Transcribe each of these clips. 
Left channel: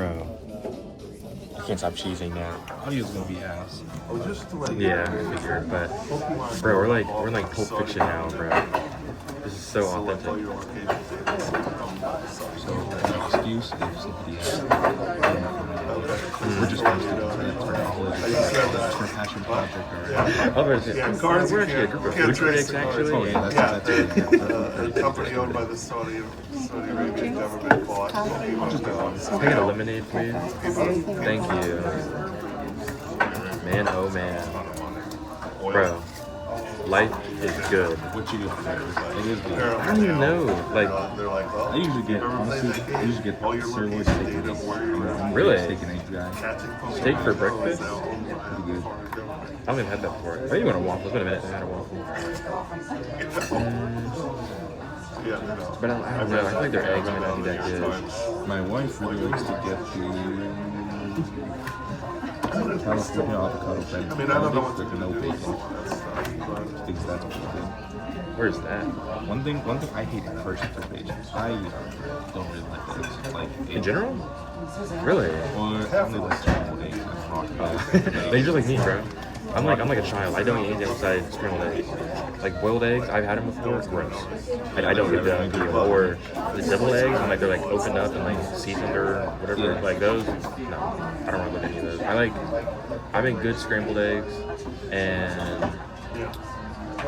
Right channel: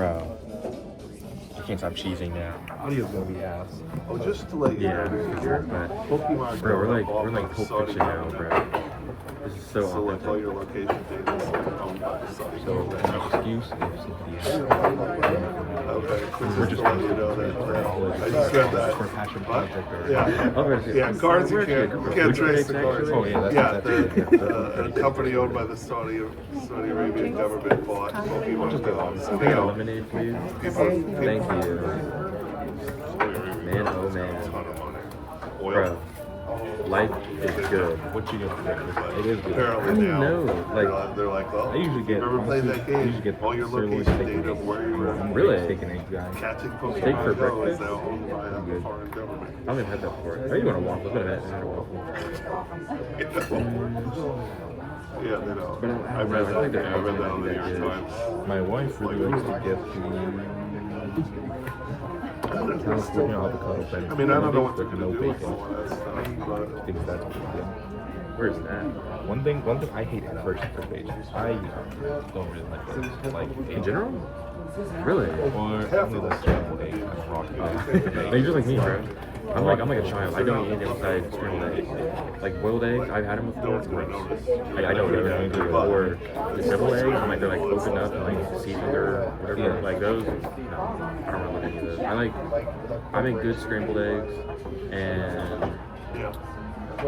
Bro. I can't stop cheesing though. Audio's gonna be ass. Yeah, I figure. But bro, we're like Pulp Fiction now, bro. This is so authentic. So my excuse is we're just going to for college, for a passion project or Otherwise, we're actually a group of food critics actually. oh yeah, that's A company owned by the Saudi Arabian government bought. I'll just go on. Can I get a lemonade, please? Thank you. Man, oh man. Bro, life is good. what you get for breakfast. It is good. I don't even know. Like, They're like, well, I usually get honestly, I usually get sirloin steak and eggs. I'm Really? a steak and eggs guy. steak for breakfast? Pretty good. I haven't had that before. I think you want a waffle. It's been a minute since I had a waffle. But I don't know. I feel like their eggs might not be that good. My wife really likes to get the California avocado bread. I mean, I don't know what with no bacon. Thinks that's pretty good. Where's that? One thing I hate first for bacon. I don't really like eggs. Like In general? Really? Or I only like scrambled eggs. I'm rock. No, you're like me, bro. I'm like a child. I don't eat anything outside scrambled eggs. Like boiled eggs, I've had them before. It's gross. Like, I don't do that. Or the deviled eggs, when like they're like opened up and like seasoned or whatever. Yeah. Like those, no, I don't really do any of those. I make good scrambled eggs, and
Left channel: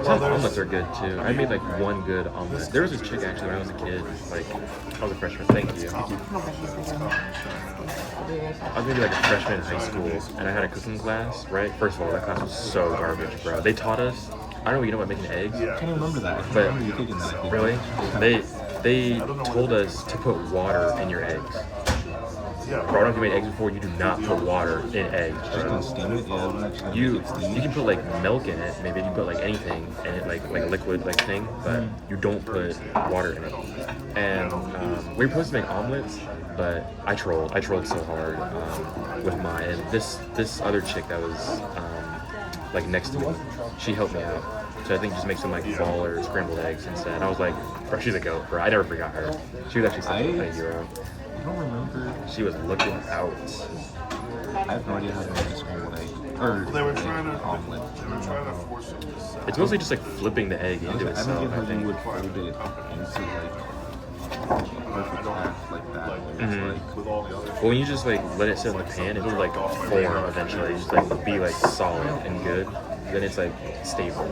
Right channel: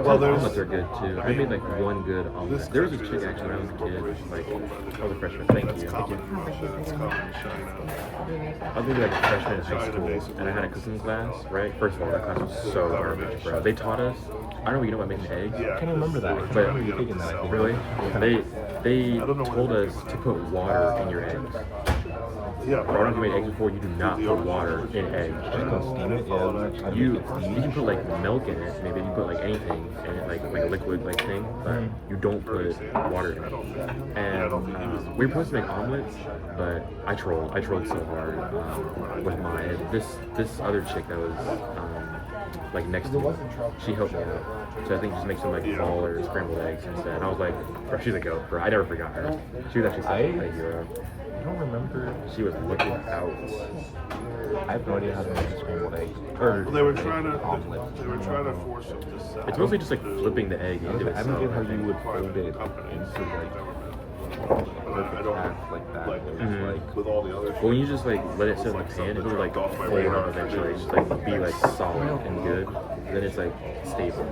some omelets are good too. I made like one good omelet. There was a chick actually when I was a kid. Like I was a freshman. Thank you. I was maybe like a freshman in high school, and I had a cooking class. Right. First of all, that class was so garbage, bro. They taught us. I don't know if you know about making eggs. I can't remember that. I can't But- remember you taking that. I think. Really? They told us to put water in your eggs. Bro, I don't know if you made eggs before. You do not put water in eggs. Just gonna steam it. Yeah, I'm actually You gonna steam you can put like milk in it. Maybe you can put like anything in it, like liquid like thing, but you don't put water in it. And we were supposed to make omelets, but I trolled so hard with mine. And this other chick that was like next to me, she helped me out. So I think just make some like fall or scrambled eggs instead. And I was like, bro, she's a goat, bro. I never forgot her. She was actually such a hero. I don't remember. She was looking out. I have no idea how to make a scrambled egg or They were trying to omelet. force it to sell. It's mostly just like flipping the egg into I it. don't get how you would fold it into like a perfect half like that. It's like With all the other Well, when you just like let it sit in the pan, it will like form eventually, just like be like solid and good. Then it's like stable.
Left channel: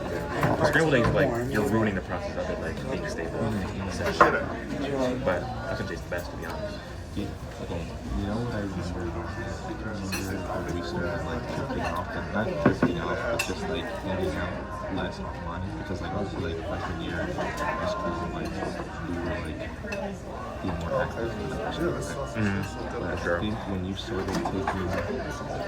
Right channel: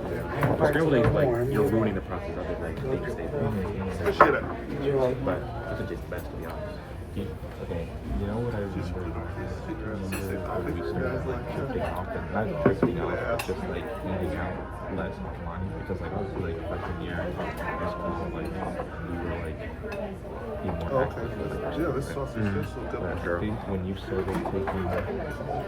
Scrambled eggs, like you're ruining the process of it, like being stable. Essentially. But it can taste the best, to be honest. okay, you know what I remember? I remember when we started like drifting off, and not drifting off, but just like hanging out less offline because like obviously like freshman year in high school, like we were like being more active with like But I think when you started taking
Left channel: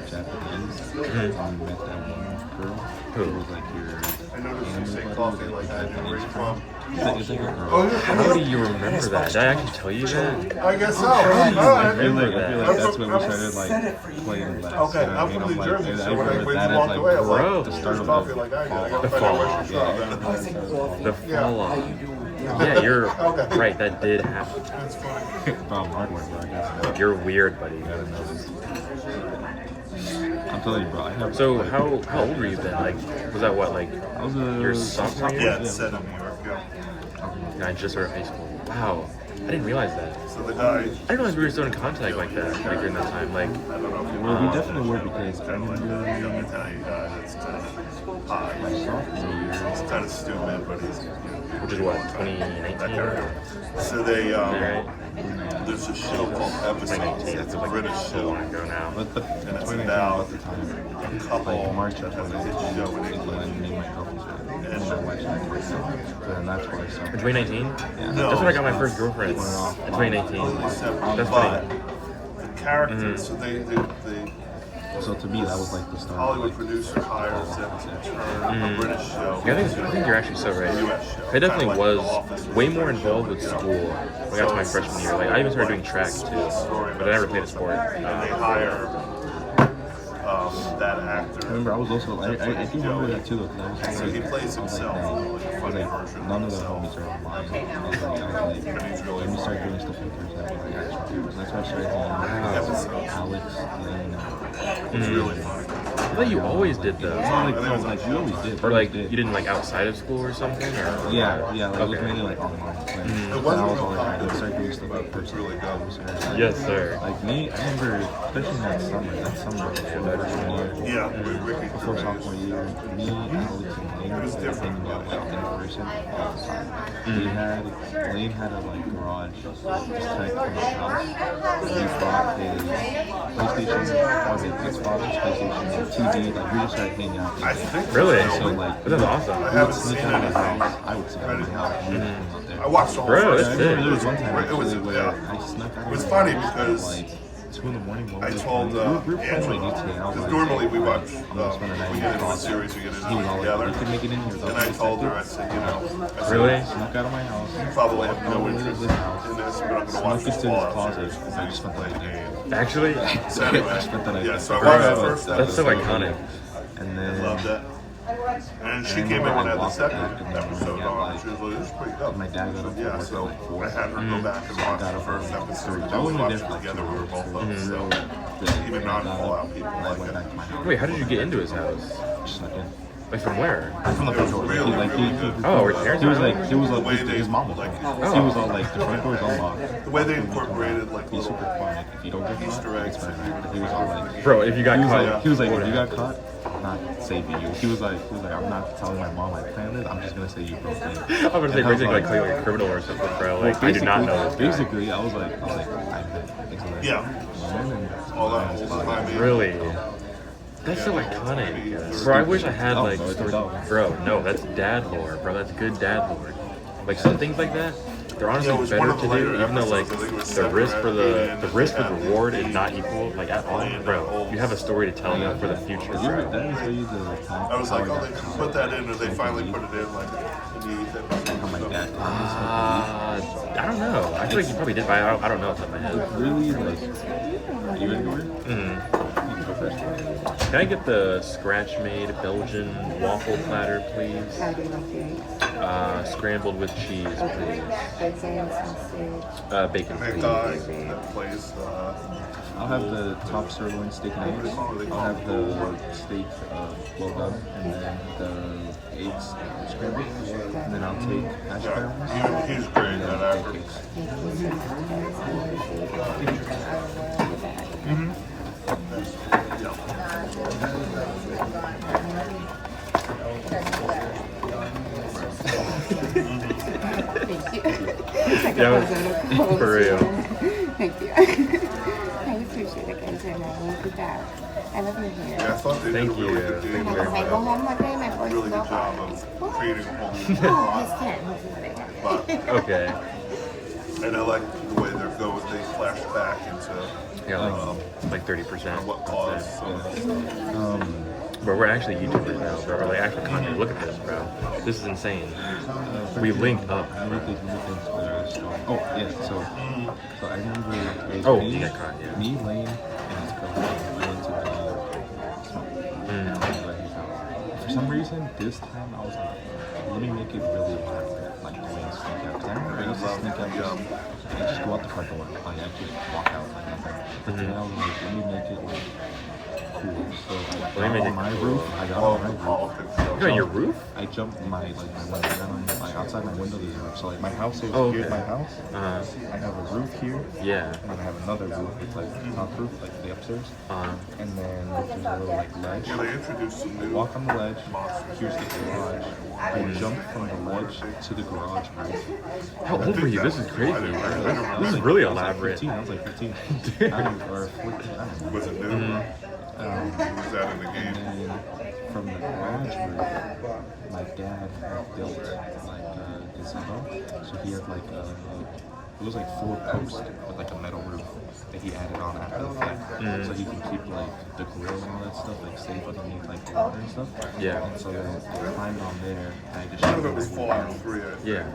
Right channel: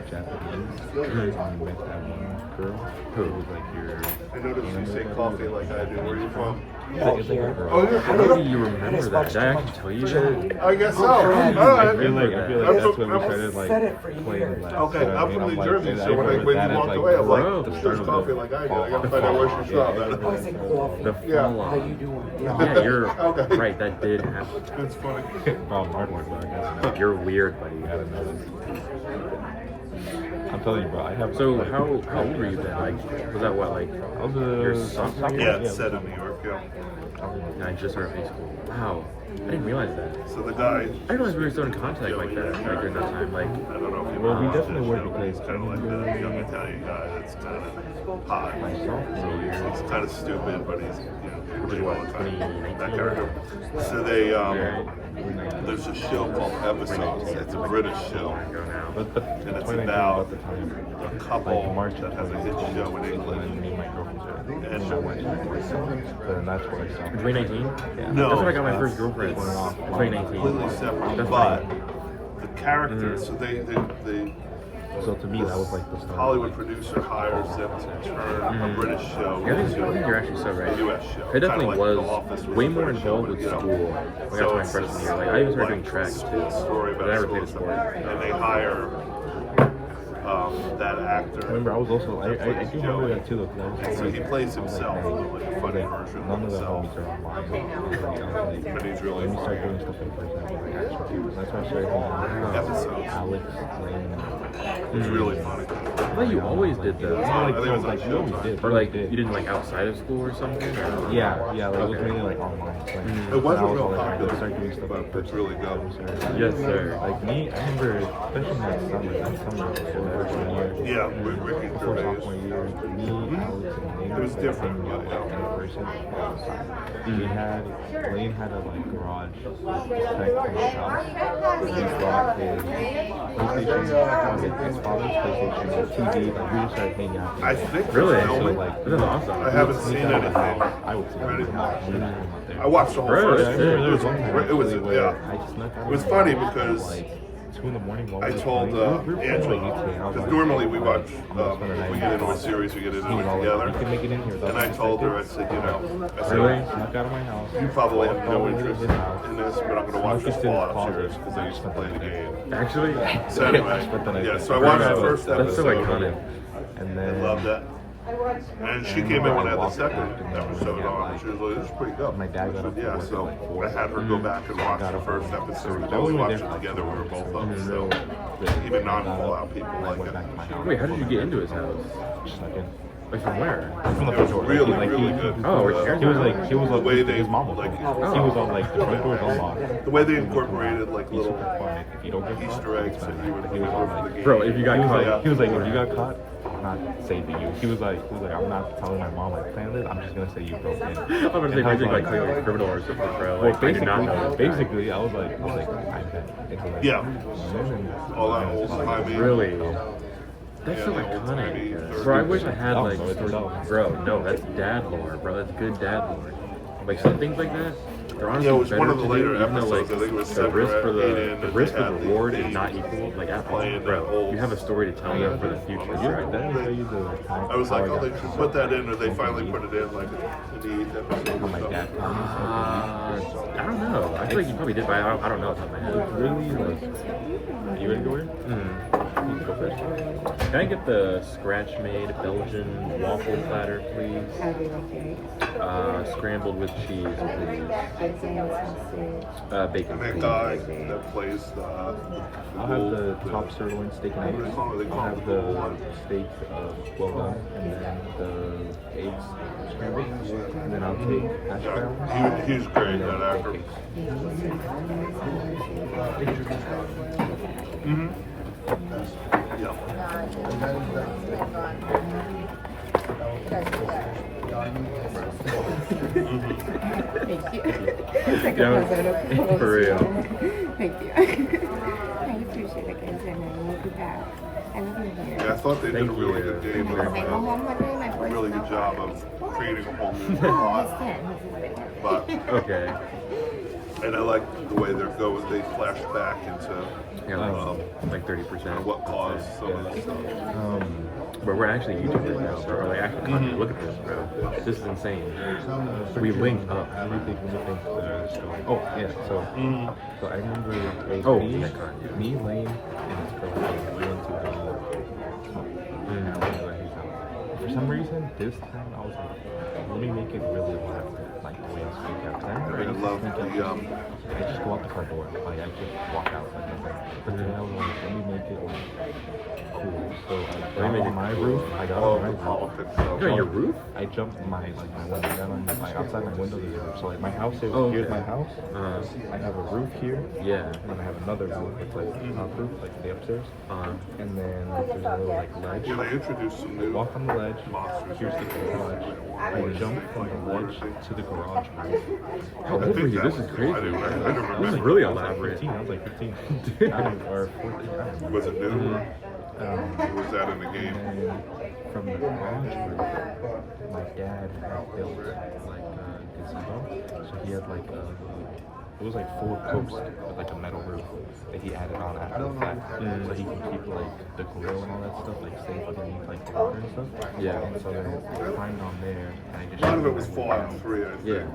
Japanese and you met that one girl who was like your I noticed you say coffee like I do. Where you from? It's like a girl. How do you remember that? Did I actually tell you that? I guess so. How do you Alright. remember I feel that? like that's when we started like playing less. Okay, You know what I I'm mean? from I'm New like, Jersey, I so when remember you that as walked like away, I was bro, like, the there's start of coffee the like I do. fall I off. got fall five off. Yeah. The fall off. Yeah, you're right. That did happen. It's funny. Bob Hardware, bro. I guess. You're weird, buddy. You gotta know this. I'm telling you, bro. I have. So like, how old were you then? Like, was that what like I was your sophomore Yeah, year? it's set in New York. Yeah. I just started high school. Wow, I didn't realize that. So the guy. I didn't realize we were still in contact like that, like during that time. Like, Well, we definitely were because I Young remember Italian guy that's kind of high. my sophomore year. It's kind of stupid, but he's, which is what 2019. So they, Right. there's a show called Episodes. It's a British show. But And it's 2019 about at the time, a couple like March of that has a hit 2019 show in is England. when me and my girlfriend started. Me and my wife started working out. But then that's what I saw. In 2019. Yeah. That's when I got my first girlfriend. Going off. In 2019. That's But funny. the characters, so they So to me, that was like the start. Of, Hollywood like, producer hires them to turn a British show I think into you're actually so a right. US show. I definitely Kinda like was The Office way more British show, involved with you know. school when I got to my freshman year. Like I even started doing track too, but I never played a sport. And they hire that I actor. remember I was also I do remember that too though because I was all So like he plays I was like, himself, dang, I was like none of the homies are online. Let me start doing stuff in person with like actual people. So that's why I started hanging out with Alex, Lane, It's really funny. I thought you always did no, those. like we always did. Or we always like you didn't like outside of school or something? Or? Yeah, like it was mainly like online. Like, It but I was wasn't always real trying to start doing stuff in person. really good. Yes, sir. Like me, I remember, especially that summer before freshman year, Yeah, with Ricky before Gervais. sophomore year, me, Alex, and Lane It was like different. hanging out like in person all the time. Lane had a like garage just type from his house. And he brought his PlayStation, or his father's PlayStation, and TV. Like we just started hanging out. I think Really? And so like, This is awesome. I we would haven't sneak seen out of the anything. house. I would sneak out of the house. We would hang out there. I watched the whole Bro, first that's I sick. remember there was one time It was, actually where yeah. I snuck out It was of funny my house at because like 2 in the morning while I we were told playing. We were playing like Angela, GTA. I was because like, normally we like, watch, I'm gonna spend a night we in get the into the closet. series, we get into He was all like, together. you can make it in here without And I being told her, I detected. said, I said, Really? Snuck out of my house. you probably walked have all no the way to interest this house. in this, but I'm going to Snuck watch into this his Fallout closet. series. I just spent the night there. Actually? So I anyway, spent the night yeah, there. so I watched the But first That's so episode. iconic. And I then love that. And she I came in remember and I had the walked second back in the episode morning at, on. like, She was like, this is pretty dope. my dad got up for Yeah, work so at like 4. I had her go back and So I watch got the up at first like episode. 3. We I was only watched there it for like 2 together. We were hours. both up. So, So even and I got non-Fallout up people and I like went that. back to my house. Wait, how did you get into his house? Just snuck in. Like from where? From the front door. Really, Like, really good. Oh, her parents he was were like, he was The like, way they- his mom was like- like, he was all like, the front door was unlocked. The way they incorporated like Be little super quiet. If you don't get caught, Easter it's eggs bad. that you would He was all like, Bro, if you got he was caught. like, if you got caught, I'm not saving you. He was like, I'm not telling my mom I planned it. I'm just gonna say you broke in. I'm gonna say And I was basically like, like clearly a criminal or something, bro. well, Like I do not know this. basically, I was like, I bet. Until, like, Yeah. and all that I was whole like, time. Really? That's so iconic. Bro, I wish I had Dumb, like bro, it's dumb. bro, no, that's dad lore, bro. That's good dad lore. Like some things like that, they're honestly Yeah, it was better one of to the do, later even though like episodes, I think it was the seven risk or for eight the in, risk they for had reward the is not equal, like at all, playing bro. holes. You have a story to tell Yeah, for the future. Did you ever, did I tell you the time I was how like, oh, got they caught put that in, or they smoking finally weed? put it in like in the episode. How my dad caught me smoking weed? I don't know. I feel like you probably did, but I don't know off the top of my head. Really, like, you ready to go in? Mm. You can go first. Can I get the scratch-made Belgian waffle platter, please? How do you like your eggs? Scrambled with cheese, Okay. please. Bacon, sausage. Bacon, I think please. the place, I'll have the top sirloin steak and eggs. I'll have the steak well done, and then the eggs scrambled. And then I'll take hash browns. he was great and that then after. pancakes. Thank you so much, guys. I appreciate it. I will be back. Thank you. Like a president of Coles, for real. yeah. Thank you. I appreciate it, guys, and I will be back. I love you Yeah, I here. thought they Thank did a really you. good I'm job. not gonna go home one day. My boy's Really so good far. job of What? creating a whole Oh, plot. he's 10. He's big. Okay. And I like the way they flash back into Yeah, like 30%. what caused. Bro, we're actually YouTubers now, bro. We're like actual content. Look at this, bro. This is insane. We linked up. Let me think the story. Oh, yeah, so I remember it was Oh, me, yeah. me, Lane, and his girlfriend. We went to smoke. And I was at his house. For some reason, this time I was like, let me make it really elaborate, like the way I sneak out. 'Cause I remember I used to sneak out I just go out the front door. Like I just walk out like nothing. But then I was like, let me make it like cool. So I got on my roof. I got on my roof. You're on your roof? I jumped my window. I got on outside my window. There's a roof. So like my house is Oh, here's okay. my house. I have a roof here. Yeah. And then I have another roof. It's like top roof, like the upstairs. And then there's a little like ledge. Yeah, they introduced some I new. walk on the ledge. Here's the garage. I jump from the ledge to the garage roof. How old were you? This is crazy. This is really elaborate. I was like 15. Or 14. I don't know. Was it new? Was that in the And game? then from the garage roof, my dad had built like a gazebo. So he had like a it was like 4 posts with like a metal roof that he added on after the fact, so he can keep like the grill and all that stuff like safe underneath like the water and stuff. Yeah. And so then I climbed on there and I just shot my way down. Yeah.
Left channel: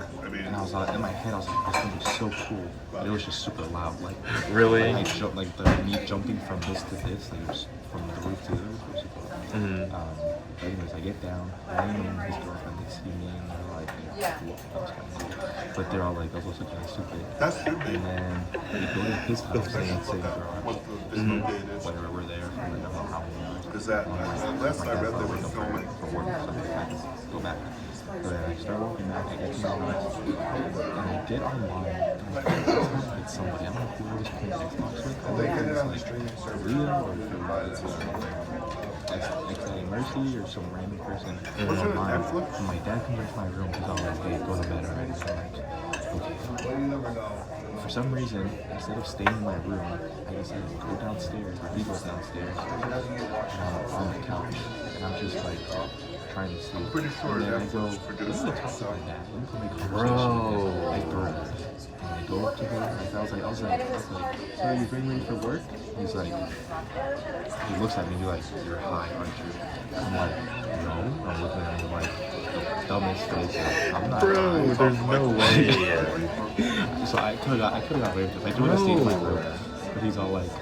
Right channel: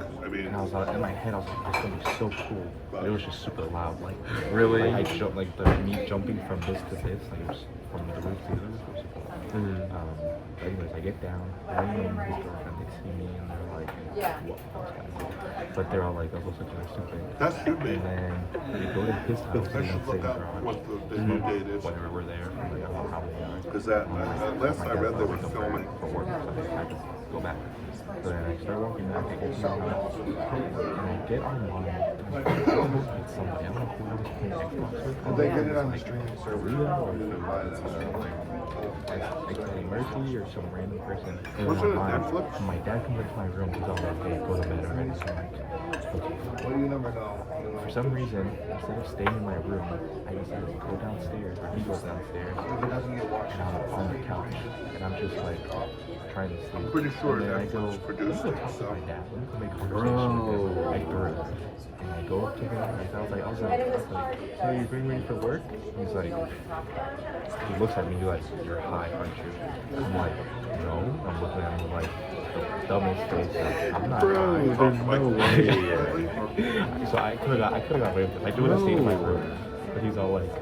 And I was like, in my head, I was like, this thing is so cool. But it was just super loud. Like, Really? Like, I jumped, like, me jumping from this to this, like, it was from the roof to here was super loud. But anyways, I get down. Ryan and his girlfriend, they see me, and they're like, what? That was kind of cool. But they're all like, I was also getting stupid. And then we go to his house, and it's in the garage. Whenever we're there, I don't know how many hours. My dad thought we were for work, so I had to go back. But then I start walking back, I get to my house, and I get online, and it's somebody, I don't know who I was playing Xbox with, I don't know if it was like Leah or if it was Exiting Mercy or some random person online. And my dad comes into my room, he's all like, hey, go to bed already. So I'm like, okay. For some reason, instead of staying in my room, I decided to go downstairs, or he goes downstairs, and I'm on the couch, and I'm just like, trying to sleep. And then I go, let me go talk to my dad. Let me go make conversation. I throw it. And I go up to him. Like, I was like, so you bring me for work? He's like, he looks at me like, you're high, aren't you? I'm like, no. I'm looking at him like, the dumbest face. Like, I'm not high. There's no way. So I could have got him because I do want to stay in my room. But he's all like,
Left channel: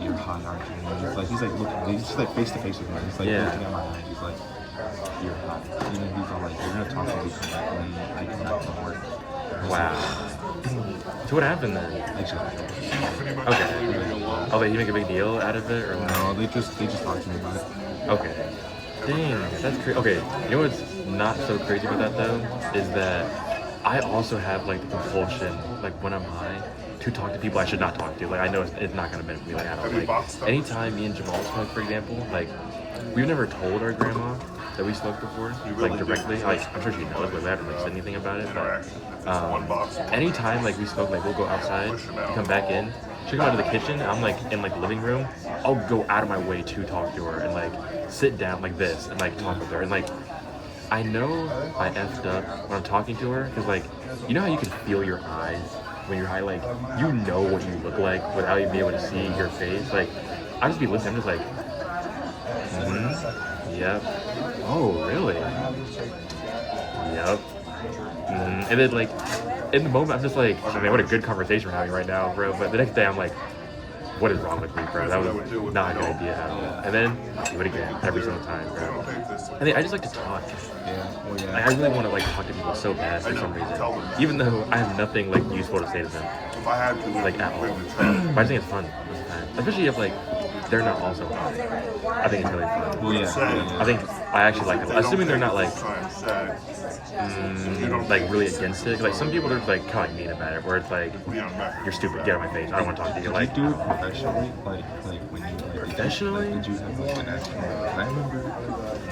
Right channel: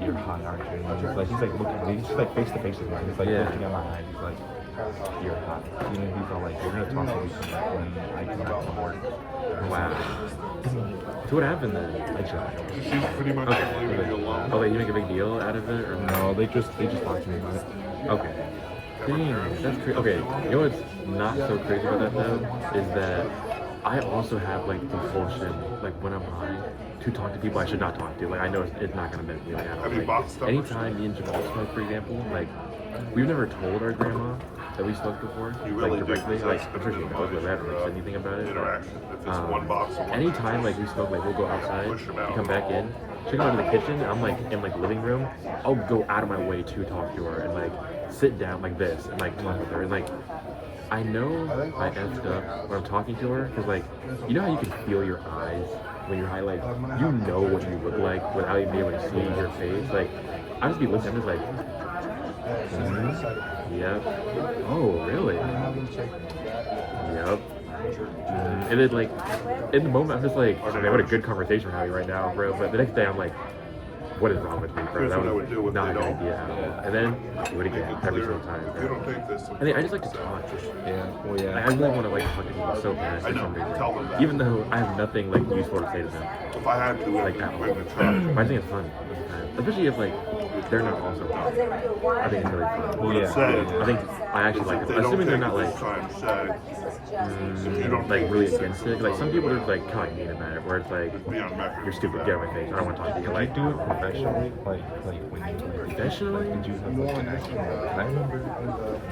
you're high, aren't you? And he's like looking, he's just like face to face with me. He's like looking at my eyes. He's like, you're hot. And then he's all like, we're gonna talk to you when I come back from work. Wow. So what happened then? I just Okay. Oh, like you make a big deal out of it, or no, they just talked to me about it. Okay. Damn, that's crazy. Okay, you know what's not so crazy about that though is that I also have like the compulsion, like when I'm high, to talk to people I should not talk to. Like I know it's not gonna benefit me. Like I don't like anytime me and Jamal smoke, for example, like we've never told our grandma that we smoked before, like directly. Like I'm sure she knows, but we haven't really said anything about it. But anytime like we smoke, like we'll go outside, come back in, she'll go into the kitchen, and I'm like in like the living room. I'll go out of my way to talk to her and like sit down like this and like talk with her and like. I know I effed up when I'm talking to her because like you know how you can feel your eyes when you're high, like you know what you look like without even being able to see your face. Like I just be listening, I'm just like, yep. Oh, really? Yep. And then like in the moment I'm just like, oh man, what a good conversation we're having right now, bro. But the next day I'm like, what is wrong with me, bro? That was not a good idea at all. And then do it again every single time. I think I just like to talk. I really want to like talk to people so bad for some reason, even though I have nothing like useful to say to them, like at all. But I think it's fun, especially if like they're not also hot. I think it's really fun. Well, yeah. I think I actually like it, assuming they're not like really against it. Like some people are like kind of mean about it, where it's like you're stupid, get out of my face, I don't want to talk to you. Did Like you do it professionally? Like when you professionally? Like, did you have like an actual? I remember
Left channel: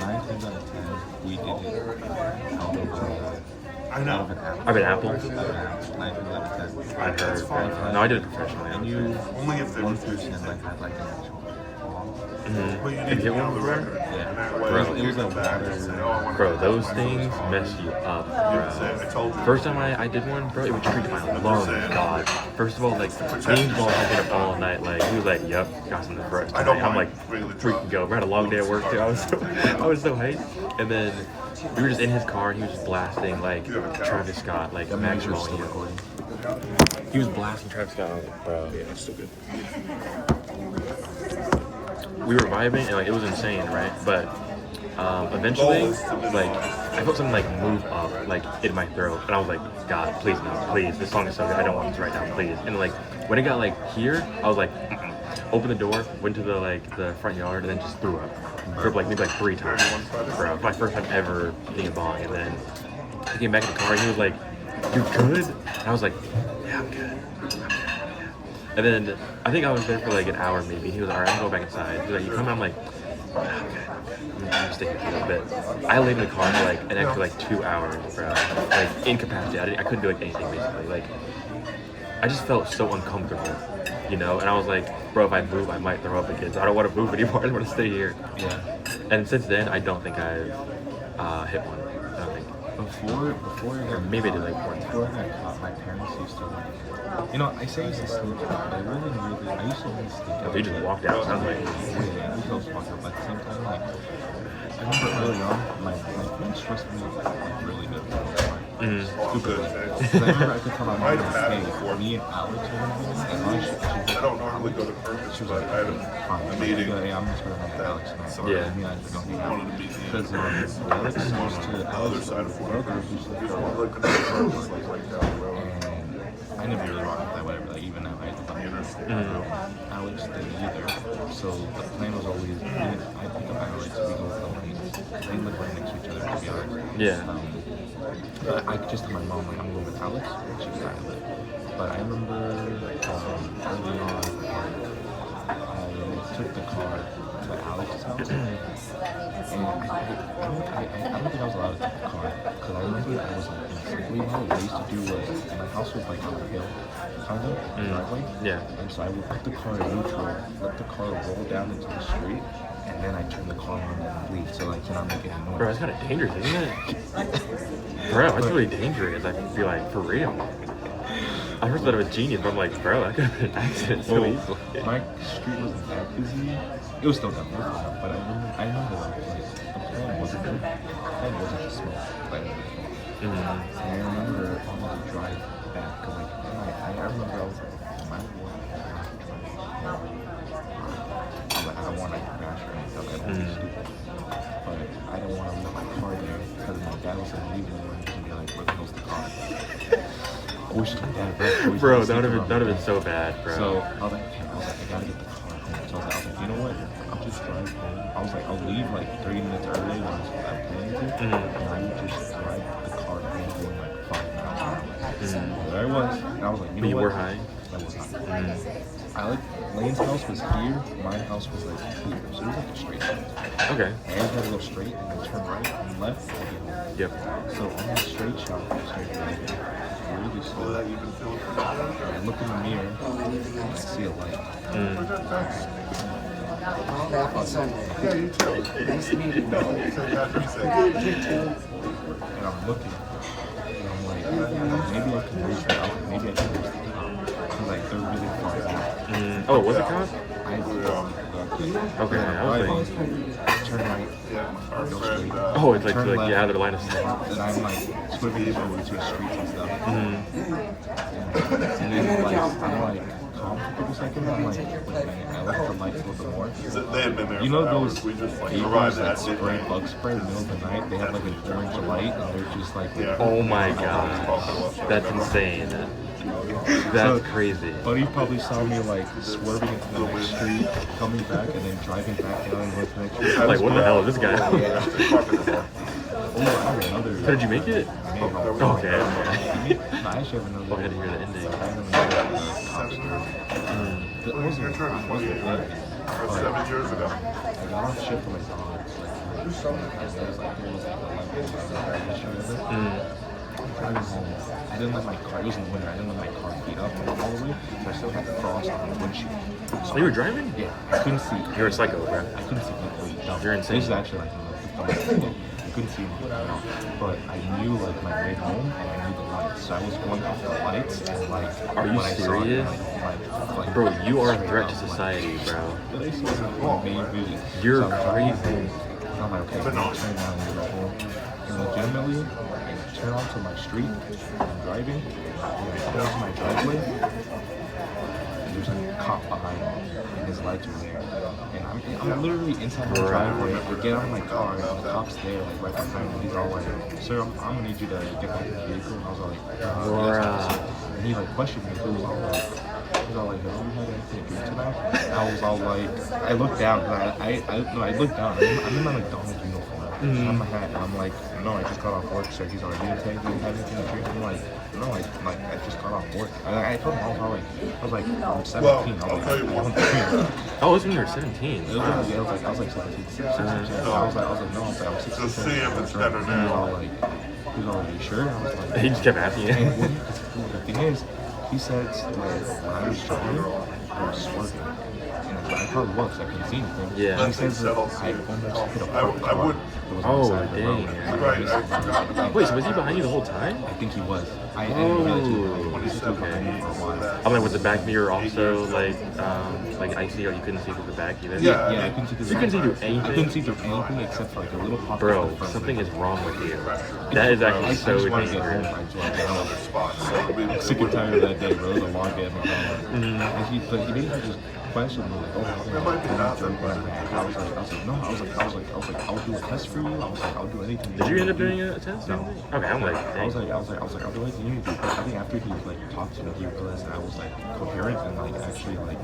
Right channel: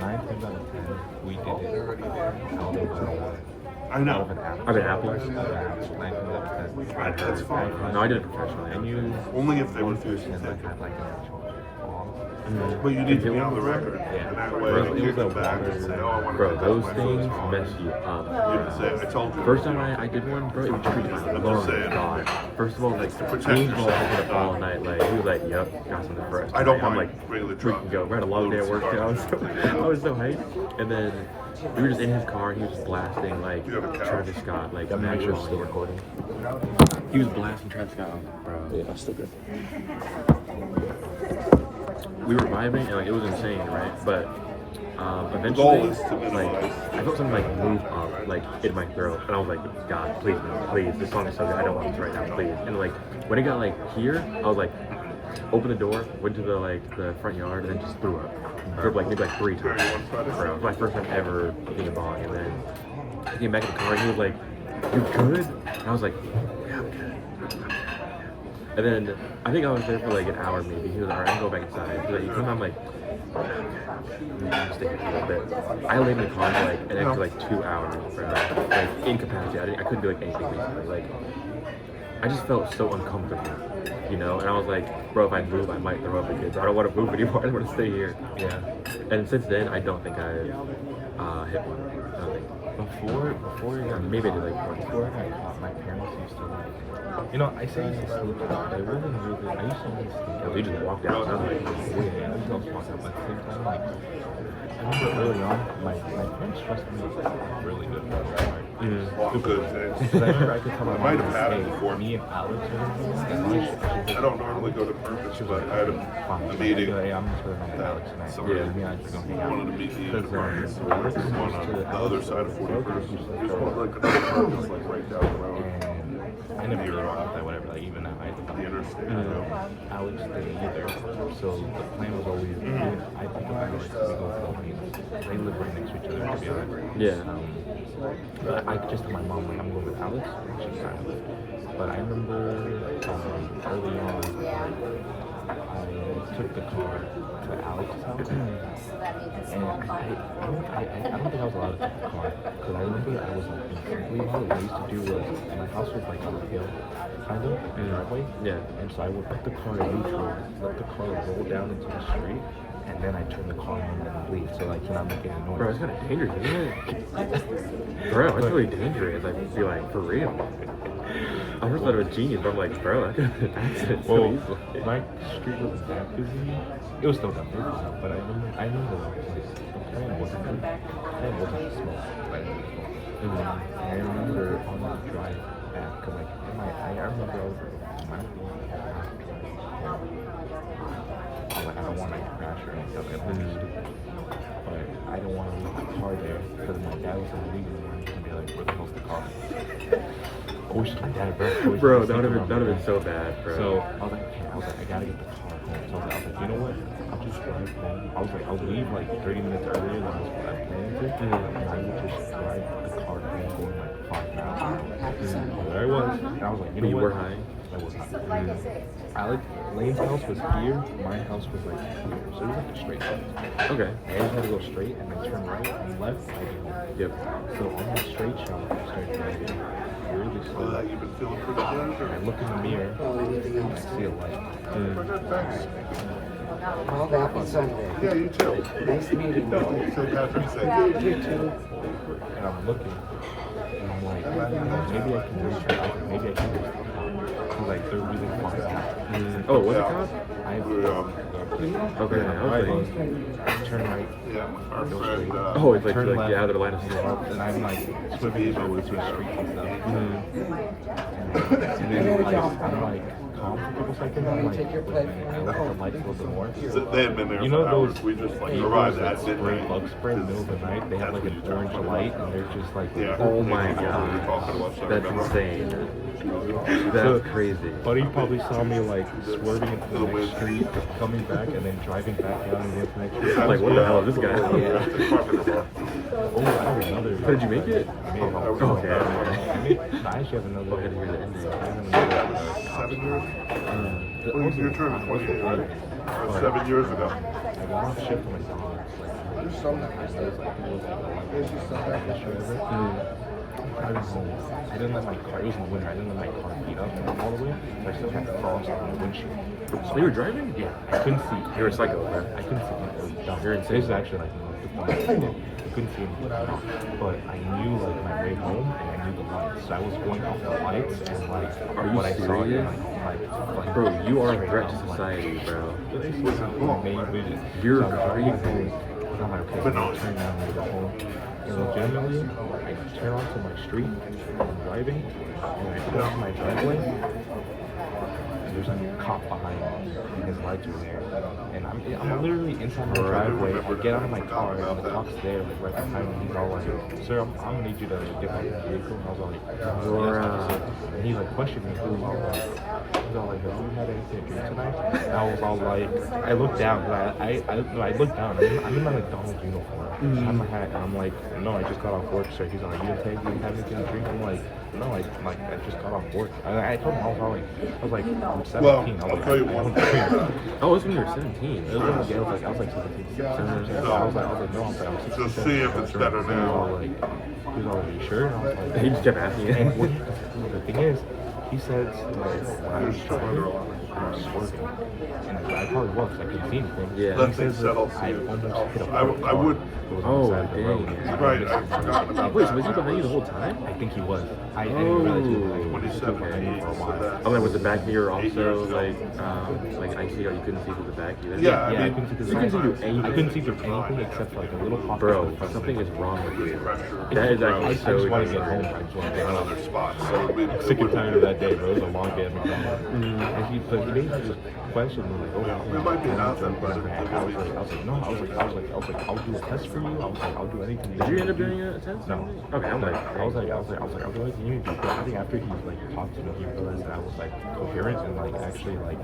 9 times out of 10 we did it out of an apple. I've been Apple. Out of an apple. 9 times out of 10. I've heard. No, I did it professionally. I knew one person that had like an actual But you need to be on the record. yeah. It was a water. Bro, those things mess you up, bro. First time I did one, bro, it would treat my lungs, God. First of all, like, me and Jamal had up all night, like, he was like, yep, got something for us tonight. I'm like, freaking go. We had a long day at work, too. I was so hyped. And then we were just in his car, and he was just blasting, like, Travis Scott, like, That means you're Maxwell. still recording. He was blasting Travis Scott, like, bro, it's still good. We were vibing and like it was insane, right? But eventually, like I felt something like move up, like in my throat, and I was like, God, please no, please, this song is so good, I don't want this right now, please. And like when it got like here, I was like, opened the door, went to the front yard, and then just threw up. Threw up like maybe like 3 times, bro. My first time ever being a bong, and then he came back in the car and he was like, "You good?" And I was like, "Yeah, I'm good." And then I think I was there for like an hour maybe. He was like, all right, I'll go back inside. He's like, you come out? I'm like, okay. I'm staying here for a little bit. I laid in the car for like an extra like 2 hours, bro. Like incapacitated. I couldn't do like anything basically. Like I just felt so uncomfortable, you know? And I was like, bro, if I move, I might throw up again. So I don't want to move anymore. I just want to stay here. Yeah. And since then, I don't think I've hit one. I don't think. Before I got Maybe I caught, did like one. before I got caught, my parents used to like, I say I used to sneak out, but it wasn't really. I used to only sneak out. Oh, you just walked out. Sounds like Yeah, I used to also walk out, but at the same time, like, I remember early on, my parents trusted me with like really good stupid way. Because I remember I could tell my mom, like, hey, me and Alex are gonna be out, and I don't normally go to purpose, she was but like, I had fine. a Like, meeting. hey, I'm just gonna have Alex tonight. So Yeah. me and Alex don't hang out. Because Alex used to, Alex's brother used to throw, and I never really rocked that whatever. Like even now, I Alex didn't either. So the plan was always, I pick up Alex, we go Philippines. They live right next to each other, to be honest. Yeah. I just told my mom, like, I'm going with Alex, and she was like, okay. But I remember early on, I took the car to Alex's house, and I don't think I was allowed to take the car, because I remember I was like, basically what I used to do was, my house was like on a hill, kind of, driveway, Yeah. and so I would put the car in neutral, let the car roll down into the street, and then I turn the car on and leave, so like to not make any noise. Bro, it's kind of dangerous, isn't it? Bro, it's really dangerous. I feel like, for real. I first thought it was genius, but I'm like, bro, that could have been an accident so Well, easily. my street wasn't that busy. It was still dumb, but I remember like the plan wasn't to smoke. Like, and I remember on the drive back, cause like I remember I was like, am I I don't want to crash or anything. I don't want to be stupid. But I don't want to leave my car there because my dad was going to leave me one and be like, where the hell's the car? I wish my dad, Bro, that would have been so bad, bro. So I was like, I gotta get the car home. So I was like, you know what? I'll just drive home. I was like, I'll leave like 30 minutes earlier than I was planning to, and I would just drive the car home going like 5 miles an hour. And there I was, and I was like, you know You what? were high? I was high. Alec Lane's house was here, my house was like here, so it was like a straight shot. Okay. I had to go straight and then turn right and left. I get home. Yep. So on that straight shot, I started driving really slow. And I look in the mirror and I see a light. All that was Yeah, you too. nice meeting No, you. you say happy say. And I'm looking and I'm like, maybe I can reach the, I was like, maybe I can reach the top. He's like, they're really far back. Oh, was it cop? Okay, Yeah, I was like, turn right, Yeah, our go friend, straight. oh, it's like, Turn like left, you out of the line of sight. and I'm like swimming over between the streets and stuff. And then like, I'm like calm for a couple seconds. I'm like, wait a minute. I look at the lights a little bit more. they had been there. You know for those hours. We just like vehicles arrived that at spray midnight. bug spray in the middle of the night? They have like an orange light and they're just like, Yeah. Oh my god. That's insane. That's crazy. Buddy probably saw me like swerving into the next street, coming back, and then driving back down and going to the next street. Like, what the hell is this guy? Oh, I have another. So did you make it? No. Okay. I actually have another. Oh, I had to hear the ending. I have another cop story. It wasn't anything. But, 7 years ago. I got off shift for my dogs. Like, it was like 11 I'm driving home. I didn't let my car. It was in the winter. I didn't let my car heat up all the way. So I still had the frost on my windshield. So Oh, you were driving? Yeah, I couldn't see. You're a psycho, bro. I couldn't see anything. Dumb. You're insane. This is actually like I couldn't see anything at all. But I knew like my way home and I knew the lights. So I was going off the lights and like. Are you when I saw it, serious? like, Bro, you are a straight threat up, to like, society, bro. but it's like main vision. You're so I'm driving crazy. home, and I'm like, okay, I'm gonna turn down and go home. And legitimately, I turn onto my street, I'm driving, and I turn onto my driveway, and there's a cop behind me, and his lights are there. And I'm literally inside my driveway. I get out of my car, and the cop's there, like right behind me. He's all like, "Sir, I'm gonna need you to get back in the vehicle." And I was all like, "Yes, officer." And he like questioned me. He was all like, "Have you had anything to drink tonight?" And I was all like, I looked down, cause I looked down. I'm in my McDonald's uniform. I'm a hat, and I'm like, "No, I just got off work, sir." He's all like, "You didn't have anything to drink?" I'm like, "No, I just got off work." I told him I was like, I'm 17. I was like, I don't drink. Oh, it was when you were 17. It was like 17. I was like, no, I'm 16. Just see if it's better He was all now. like, are you sure? And I was like, He just kept asking you. and the thing is, he said that when I was driving, I was swerving. And I probably was. I couldn't see anything. Yeah. He says that I almost hit a parked car that was on the side of the road. Like, I missed it by like, Wait, so was he behind you the whole time? I think he was. I didn't realize he was behind me. He was behind me for a while. I'm like, was the back mirror also like icy, or you couldn't see through the back either? Yeah, I couldn't see through You couldn't see through anything? I couldn't see through anything except for like a little pocket. Bro, something is wrong with you. That is actually I so just want to get dangerous. home. I just want to get home. I'm sick and tired of that day, bro. It was a long day at McDonald's. And he basically just questioned me like, oh, can I drink what I'm having? I was like, no. I was like, I'll do a test for you. I was like, I'll do anything. Did you end up doing a test? No. Okay, I'm like, I was like, I'll do anything you do. But I think after he like talked to me, he realized that I was like coherent and like actually like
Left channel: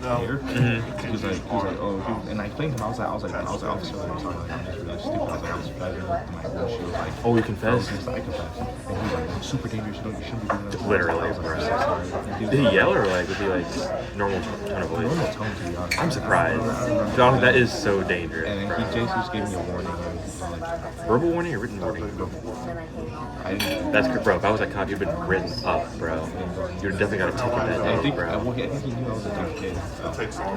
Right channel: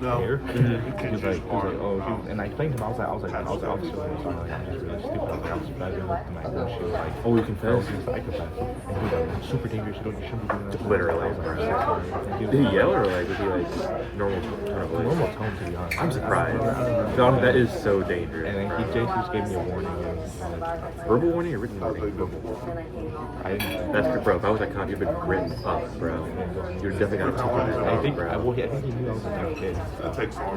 there. He's like, oh, and I explained to him, I was like, the officer that was on the line was really stupid. I was like, I was driving up to my windshield, like, oh, you confessed? I confessed. And he was like, it's super dangerous. You shouldn't be doing that. Literally. I was like, I'm so sorry. Did he yell or like, did he like normal tone of voice? Normal tone, to be honest. I'm surprised. I remember John, that is so dangerous. And then he just gave me a warning. And he was like, Verbal warning or written warning? I didn't. That's good, bro. If I was that cop, you'd been written up, bro. You'd definitely got a ticket that I day, think, bro. I think he knew I was a dumb kid.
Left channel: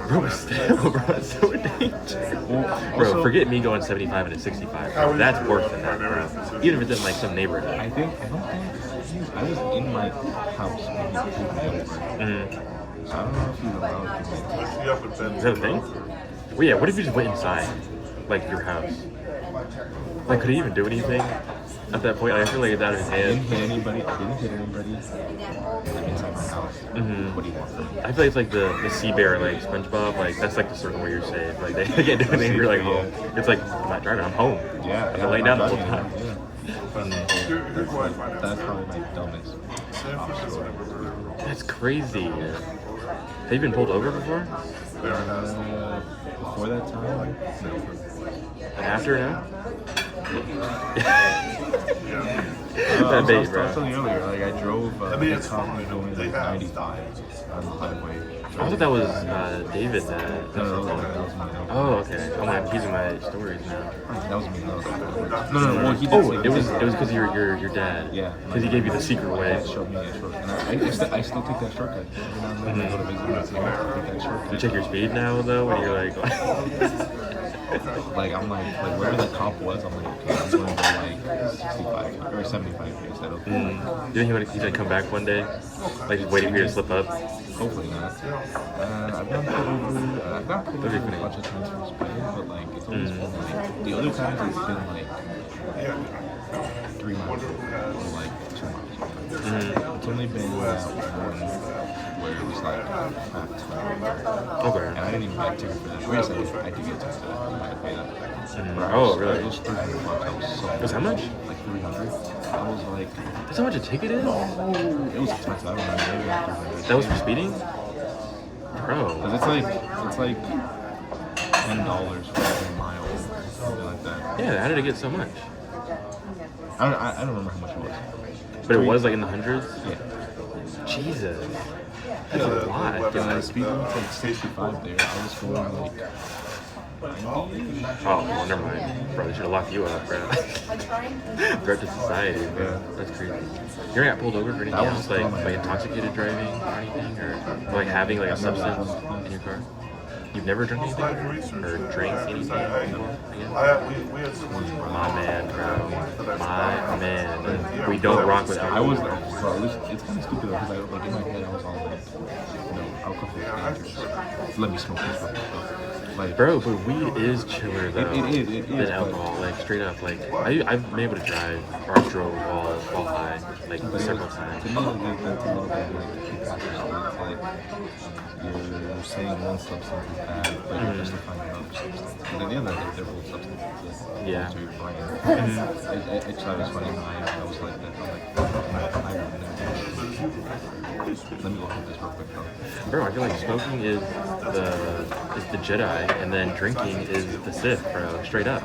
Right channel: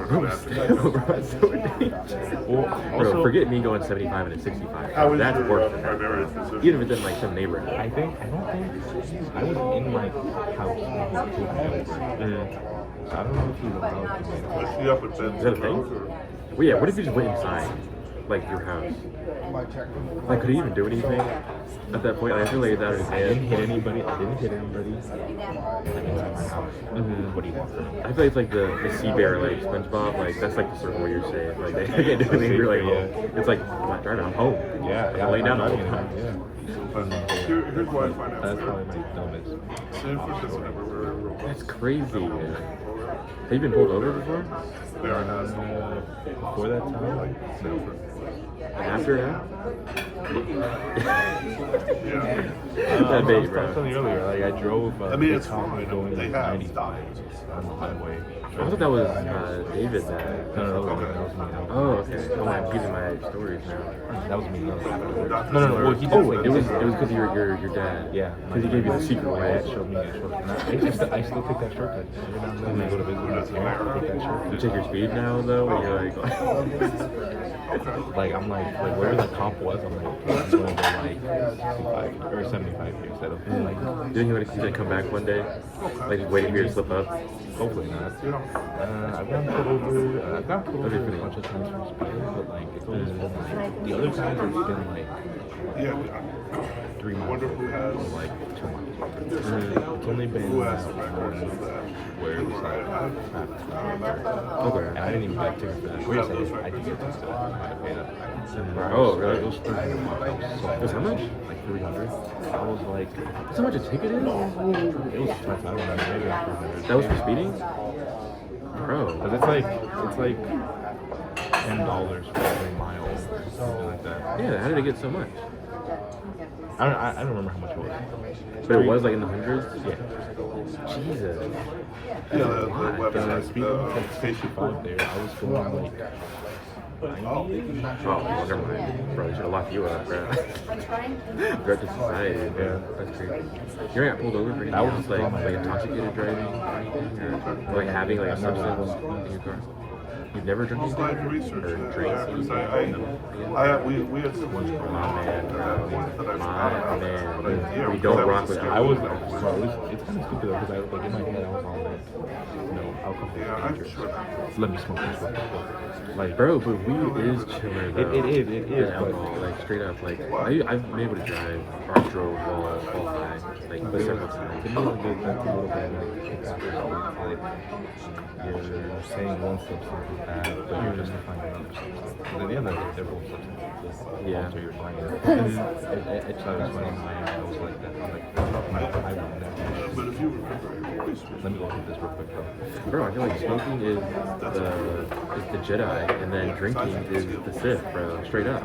Bro, still, bro, it's so dangerous. Bro, forget me going 75 and a 65. Bro. That's worse than that, bro. Even if it's in like some neighborhood. I don't think, I was in my house when he pulled me over. So I don't know if he's allowed to Is that a thing? Well, yeah, what if you just went inside, like, your house? Like, could he even do anything at that point? I feel like it's out of his I didn't hands. hit anybody. I'm inside my house. What do you want from me? I feel like it's like the sea bear, like, SpongeBob, like, that's like the circle where you're safe. Like, they can't do anything, you're like, home. It's like, I'm not driving, I'm home. Yeah, I can lay down the whole I'm time. driving, yeah. And, that's probably my dumbest obstacle ever. That's crazy. Have you been pulled over before? Before that time, no. And after now? I That was big, bro. telling you earlier, like I drove the top was going like 95 on the highway. I thought that was David. No, that was me. Oh, okay. I'm like using my stories now. That was me. No. No. Well, he did Oh, say- it was because your dad. Yeah. Because he gave you the secret My way. dad showed me that shortcut. And I still take that shortcut. Every now and then when I go to visit my parents, I take that shortcut. You check your speed now though, and you're like, Like I'm like wherever that cop was, I'm like, okay, I'm gonna go like 65 or 75 instead of you think he's gonna come back one day, like just waiting for you to slip up? hopefully not. I've gotten pulled over. I've gotten pulled over a bunch of times for speeding, but like it's always been like the other times it's been like 3 miles or like 2 miles. It's only been one where it was like not 200. Okay. And I didn't even get a ticket for that. Wait a second, I did get a ticket for that. I had to pay that. Oh, really? It was 300 bucks. I was so It was how much? Like 300. I was like, That's how much a ticket is? it was expensive. I don't remember. Maybe like 300. That was for speeding? Bro. Cause it's like $10 for every mile, something like that. Yeah, how did it get so much? I don't remember how much it was. But it was like in the hundreds? Yeah. Jesus. That's a lot. The speed limit's like 65 there. I was going like 90. Oh, well, never mind. Bro, they should have locked you up, bro. Threat to society, bro. That's crazy. You ever got pulled over for anything That was else, still like, my- like intoxicated driving or anything? Or like having like a substance in your car? You've never drank anything? Or drank anything? We had some. My man, bro. My man. We don't rock with I was alcohol. like, bro, it's kind of stupid though, because I like in my head I was all like, you know, alcohol is dangerous. Let me smoke this stuff. Like, Bro, but weed is chiller though. It is, than but- alcohol, like straight up. Like I've been able to drive or I drove while high, like several times. to me, like, that's a little bit like hypocrisy. You're saying one substance is bad, but you're justifying another substance. Because at the end of the day, they're both substances. Yeah. So you're fine. And I actually, I was funny. I was like that. I'm like, I would never. Let me go hit this real quick, bro. Bro, I feel like smoking is the Jedi, and then drinking is the Sith, bro. Straight up.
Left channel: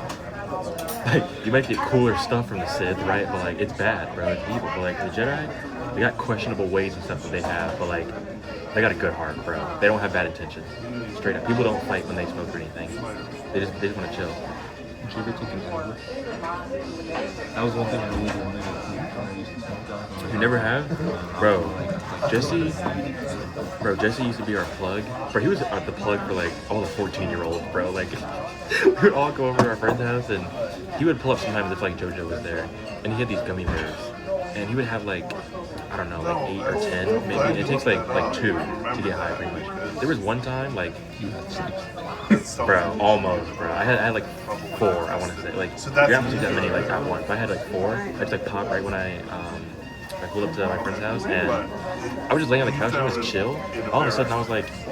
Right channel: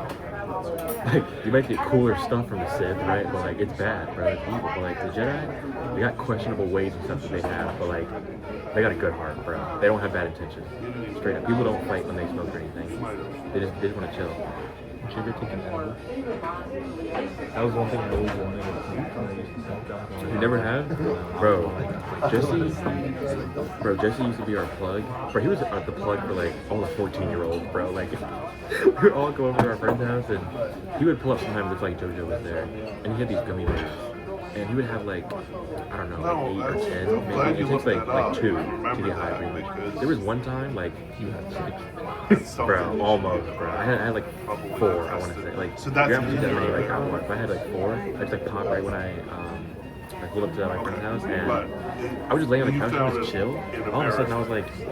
Like you might get cooler stuff from the Sith, right? But like it's bad, bro. It's evil. But like the Jedi, they got questionable ways and stuff that they have, but like they got a good heart, bro. They don't have bad intentions. Straight up. People don't fight when they smoke or anything. They just want to chill. Did you ever take an edible? That was one thing I always wanted to do when I used to smoke. I was You never have? Bro, Jesse used to be our plug. Bro, he was the plug for like all the 14-year-olds, bro. Like, we would all go over to our friend's house and he would pull up sometimes if like JoJo was there. And he had these gummy bears. And he would have like, I don't know, like 8 or 10 maybe. And it takes like 2 to get high pretty much. There was one time like, you had 6. bro, almost, bro. I had like 4, I want to say. Like, you haven't seen that many like at once. But I had like 4. I just like popped right when I pulled up to my friend's house, and I was just laying on the couch and just chill. All of a sudden, I was like, "You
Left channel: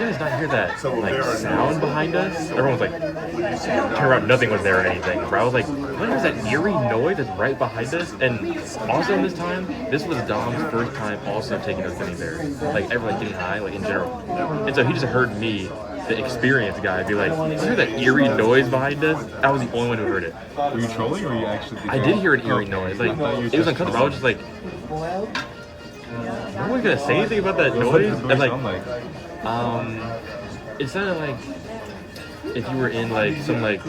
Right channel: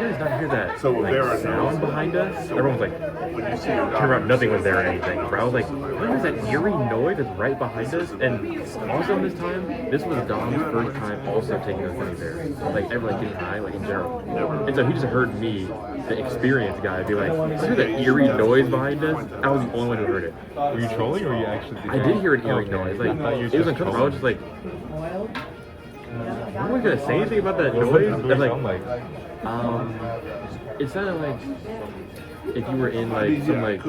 guys not hear that like sound behind us?" Everyone was like, "Turn around!" Nothing was there or anything. Bro, I was like, "What was that eerie noise that's right behind us?" And also in this time, this was Dom's first time also taking us gummy bears. Like everyone getting high, like in general. And so he just heard me, the experienced guy, be like, "You hear that eerie noise behind us?" I was the only one who heard it. Were you trolling or you actually? I did hear an eerie noise. Like it was uncomfortable. I was just like, "No one gonna say anything about that noise?" And like, it sounded like if you were in like some like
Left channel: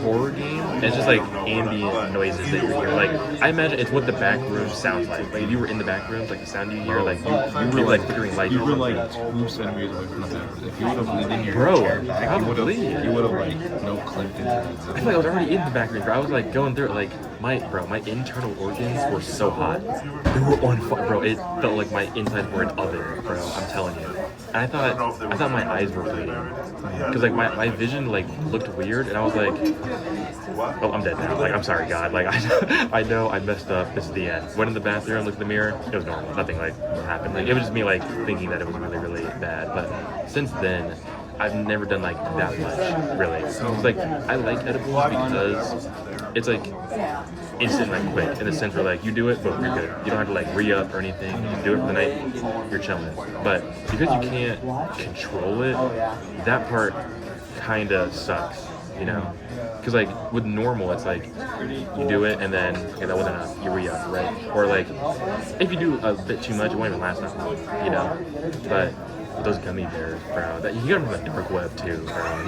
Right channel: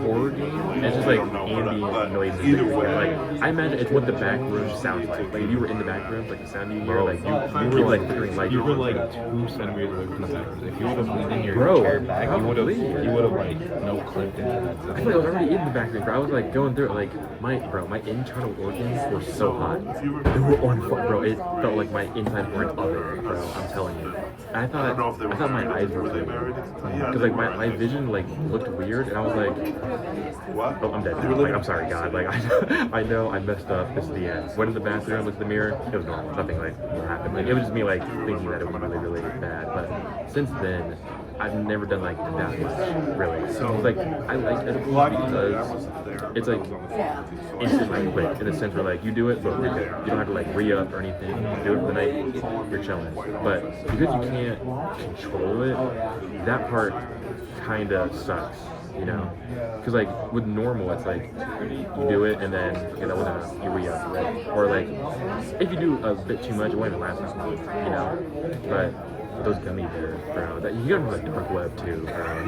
horror game, and it's just like ambient noises that you hear. Like I imagine it's what the back room sounds like. Like if you were in the back rooms, like the sound you hear, like you were like flickering lights. You were like 2 centimeters away from the back. If you would have leaned in your Bro, chair back, probably. you would have like clipped into that. I feel like I was already in the back room, bro. I was like going through it, like my internal organs were so hot. They were on fire, bro. It felt like my insides were an oven, bro. I'm telling you. And I thought my eyes were bleeding, because like my vision like looked weird, and I was like, "Oh, I'm dead now." Like, I'm sorry, God. Like I know I messed up. This is the end. Went in the bathroom, looked in the mirror. It was normal. Nothing like what happened. Like it was just me like thinking that it was really really bad. But since then, I've never done like that much, really. It's like I like edibles because it's like instant, like quick, in the sense where like you do it, but you're good. You don't have to like re-up or anything. You do it for the night, you're chilling. But because you can't control it, that part kind of sucks, you know? Because like with normal, it's like you do it and then okay, that wasn't enough. You re-up, right? Or like if you do a bit too much, it won't even last that long, you know? But those gummy bears, bro. That he got them from the dark web too. Bro.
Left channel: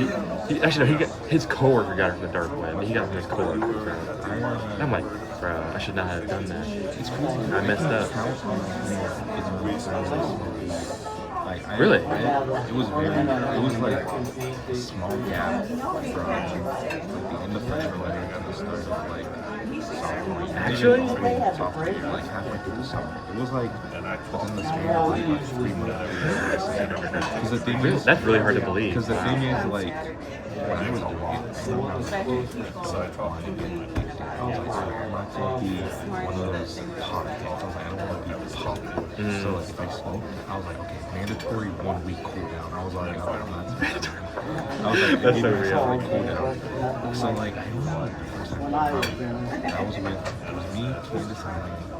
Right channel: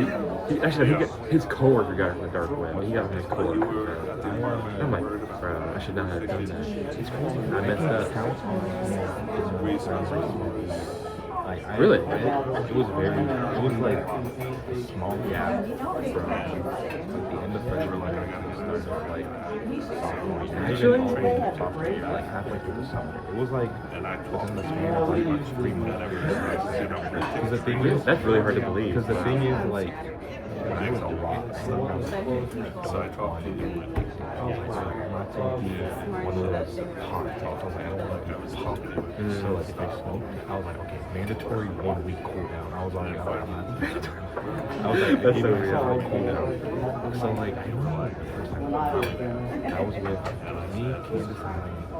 He actually no, his coworker got it from the dark web. He got it from his coworker. And I'm like, bro, I should not have done that. It's cool. I messed up. Really? It was like a small gap from like the end of freshman year to the start of like sophomore year. Actually? Like halfway through the summer. It was like within the span of like 3 months. Because the thing is, that's really hard to believe. Because the thing is, like, when I was doing it, I was like, I'm not gonna be one of those pot things. I was like, I don't want to be popping. So like, if I smoke, I was like, okay, mandatory 1 week cool down. I was like, I'm not mandatory. I was like, that's so weird. Cool down. So like, I remember the first time I was with, it was me, Candace,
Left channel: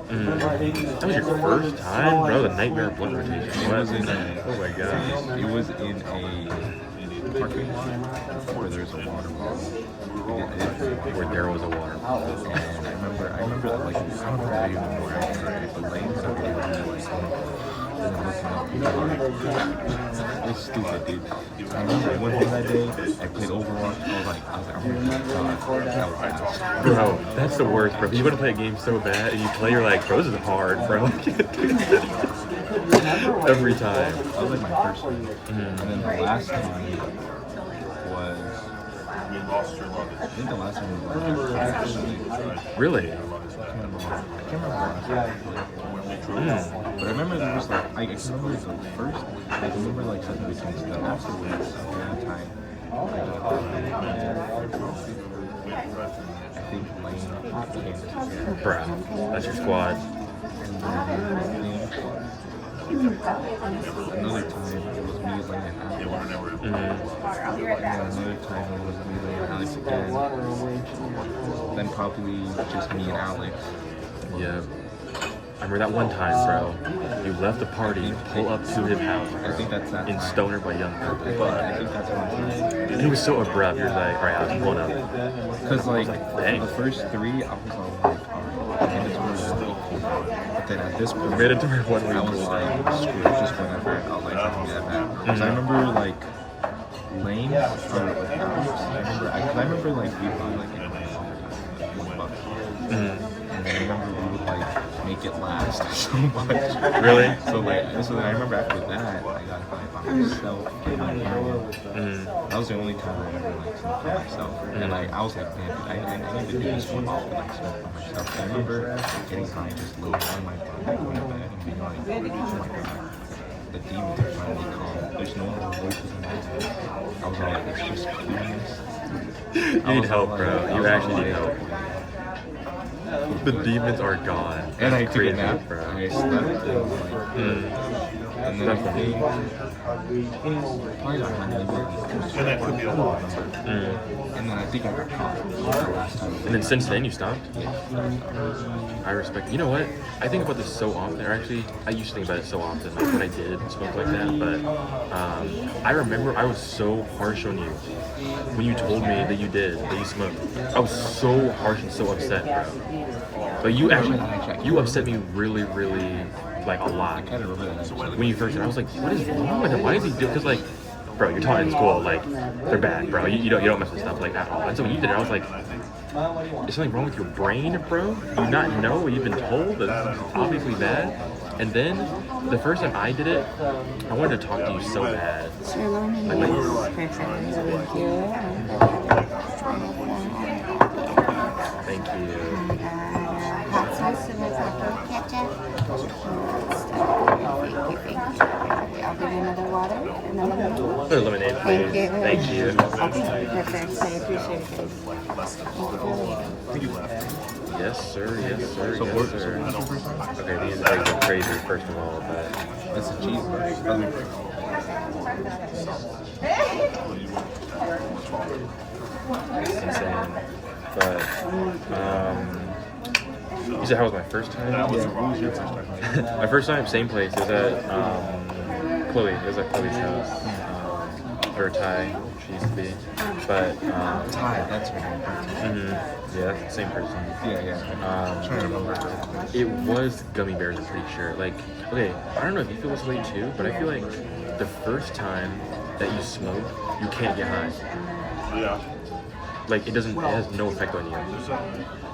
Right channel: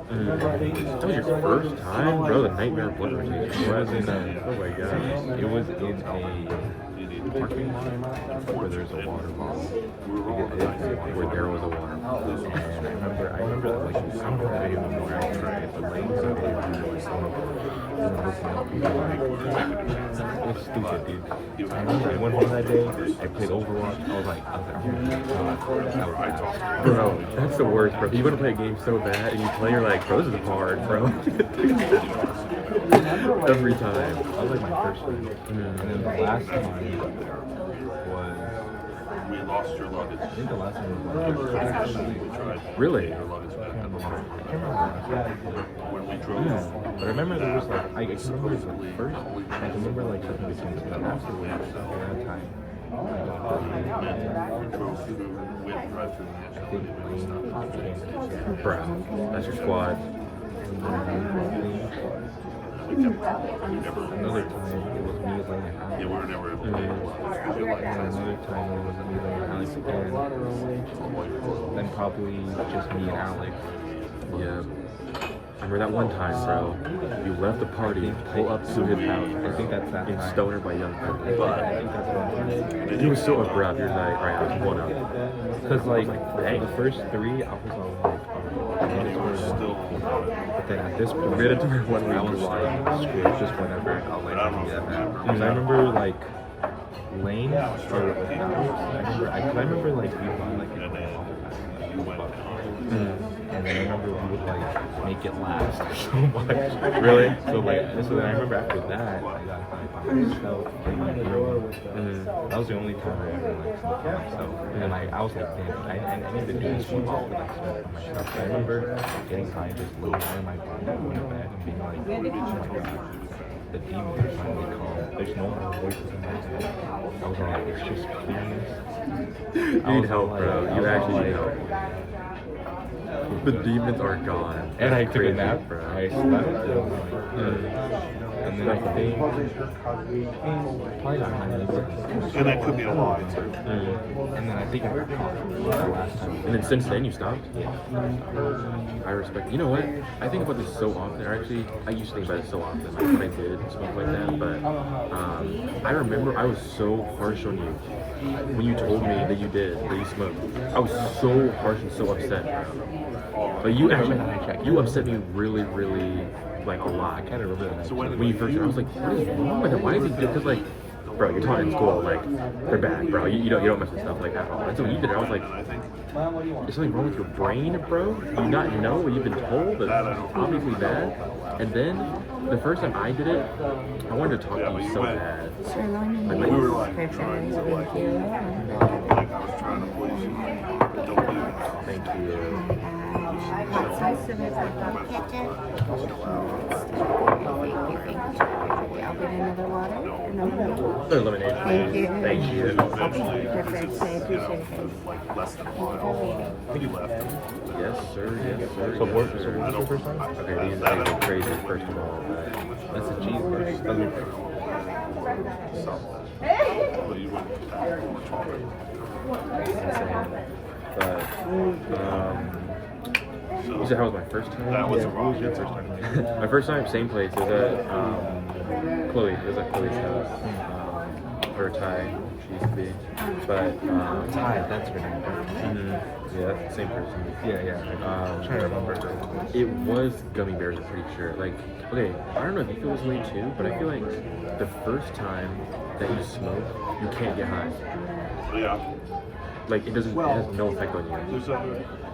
and Ryan. That was your first time, bro. The nightmare blood rotation. It was in a, oh my gosh. it was in a parking lot where there's a water bottle. Where there was a water. And I remember like, I don't know if I even more accurate, but Lane had a really looking up people like, it's stupid, dude. I remember one thing that day, I played Overwatch. I was like, oh my god, that was ass. Bro, that's the worst, bro. You want to play a game so bad, and you play, you're like, bro, this is hard, bro. Every time. That was like my first one. And then the last time was, I think the last one was like, Really? I can't remember but I remember there was like, I can remember the first, I can remember like second between, so then afterwards, the other time, I think Lane came to Bro, that's your squad. and then I think another time it was me, Lane, and Alex. And then another time it was me, Lane, and Alex again. Then probably just me and Alex. Yeah. I remember that one time, bro. You left the party, pull up to his house. I think that's that In time. Stoner by Young Purple. I think that's one time. And he was so abrupt. He was like, alright, I'm pulling up. Because like Dang. the first 3, I was all like, mandatory 1 week cool down. But then at this point, Mandatory 1 week I was cool like, screw it, just whatever. I was like, I'm gonna do that back. Because I remember like lanes or hours. I remember like we bought like a $1 and then I remember we would like make it last so much. Really? So then I remember after that I got by myself. That was the only time I ever like smoked by myself. And like I was like, man, I need to do this more often, like smoke by myself. And I remember getting high, just laying down my bed, going to bed, and being like, oh my god, the demons are finally calm. There's no more voices in my head. I was all like, it's just coolness. You need help, bro. You actually need help. The demons are gone. And I took a Crazy, nap. bro. I slept and like, and then I think probably not having anything. And that could be a lot. And then I think I got caught the last time. And then since then you stopped? Yeah, I respect. You know what? I think about this so often. Or actually, I used to think about it so often, like when I did smoke like that. But I remember I was so harsh on you when you told me that you did, that you smoked. I was so harsh and so upset, bro. But you actually, you upset me really, really, like a lot. I kind of remember that actually. When you first said, I was like, what is wrong with him? Why is he doing? Because like, bro, you're taught in school, like they're bad, bro. You don't mess with stuff like at all. And so when you did it, I was like, is something wrong with your brain, bro? Do you not know what you've been told? That's obviously bad. And then the first time I did it, I wanted to talk to you so bad. So long Like, thank you. Hot sauce with taco ketchup. Thank you. I'll give you another water and then Good lemonade. Thank you. Thank you. Okay, perfect. I appreciate it, guys. Thank you for waiting. Yes, sir. Yes, sir. So Yes, what? sir. So what was your first one? Okay, these things are crazy, first of all, but That's a cheese. it's insane. But, you said how was my first time? My first time, same place. It was at Chloe. It was at Chloe's house. Or Ty, she used to be. But, Ty, that's what I'm yeah, same person. Yeah. I'm trying to remember. It was gummy bears, I'm pretty sure. Like, okay, I don't know if you feel this way too, but I feel like the first time that you smoke, you can't get high. Yeah. Like, it has no effect on you.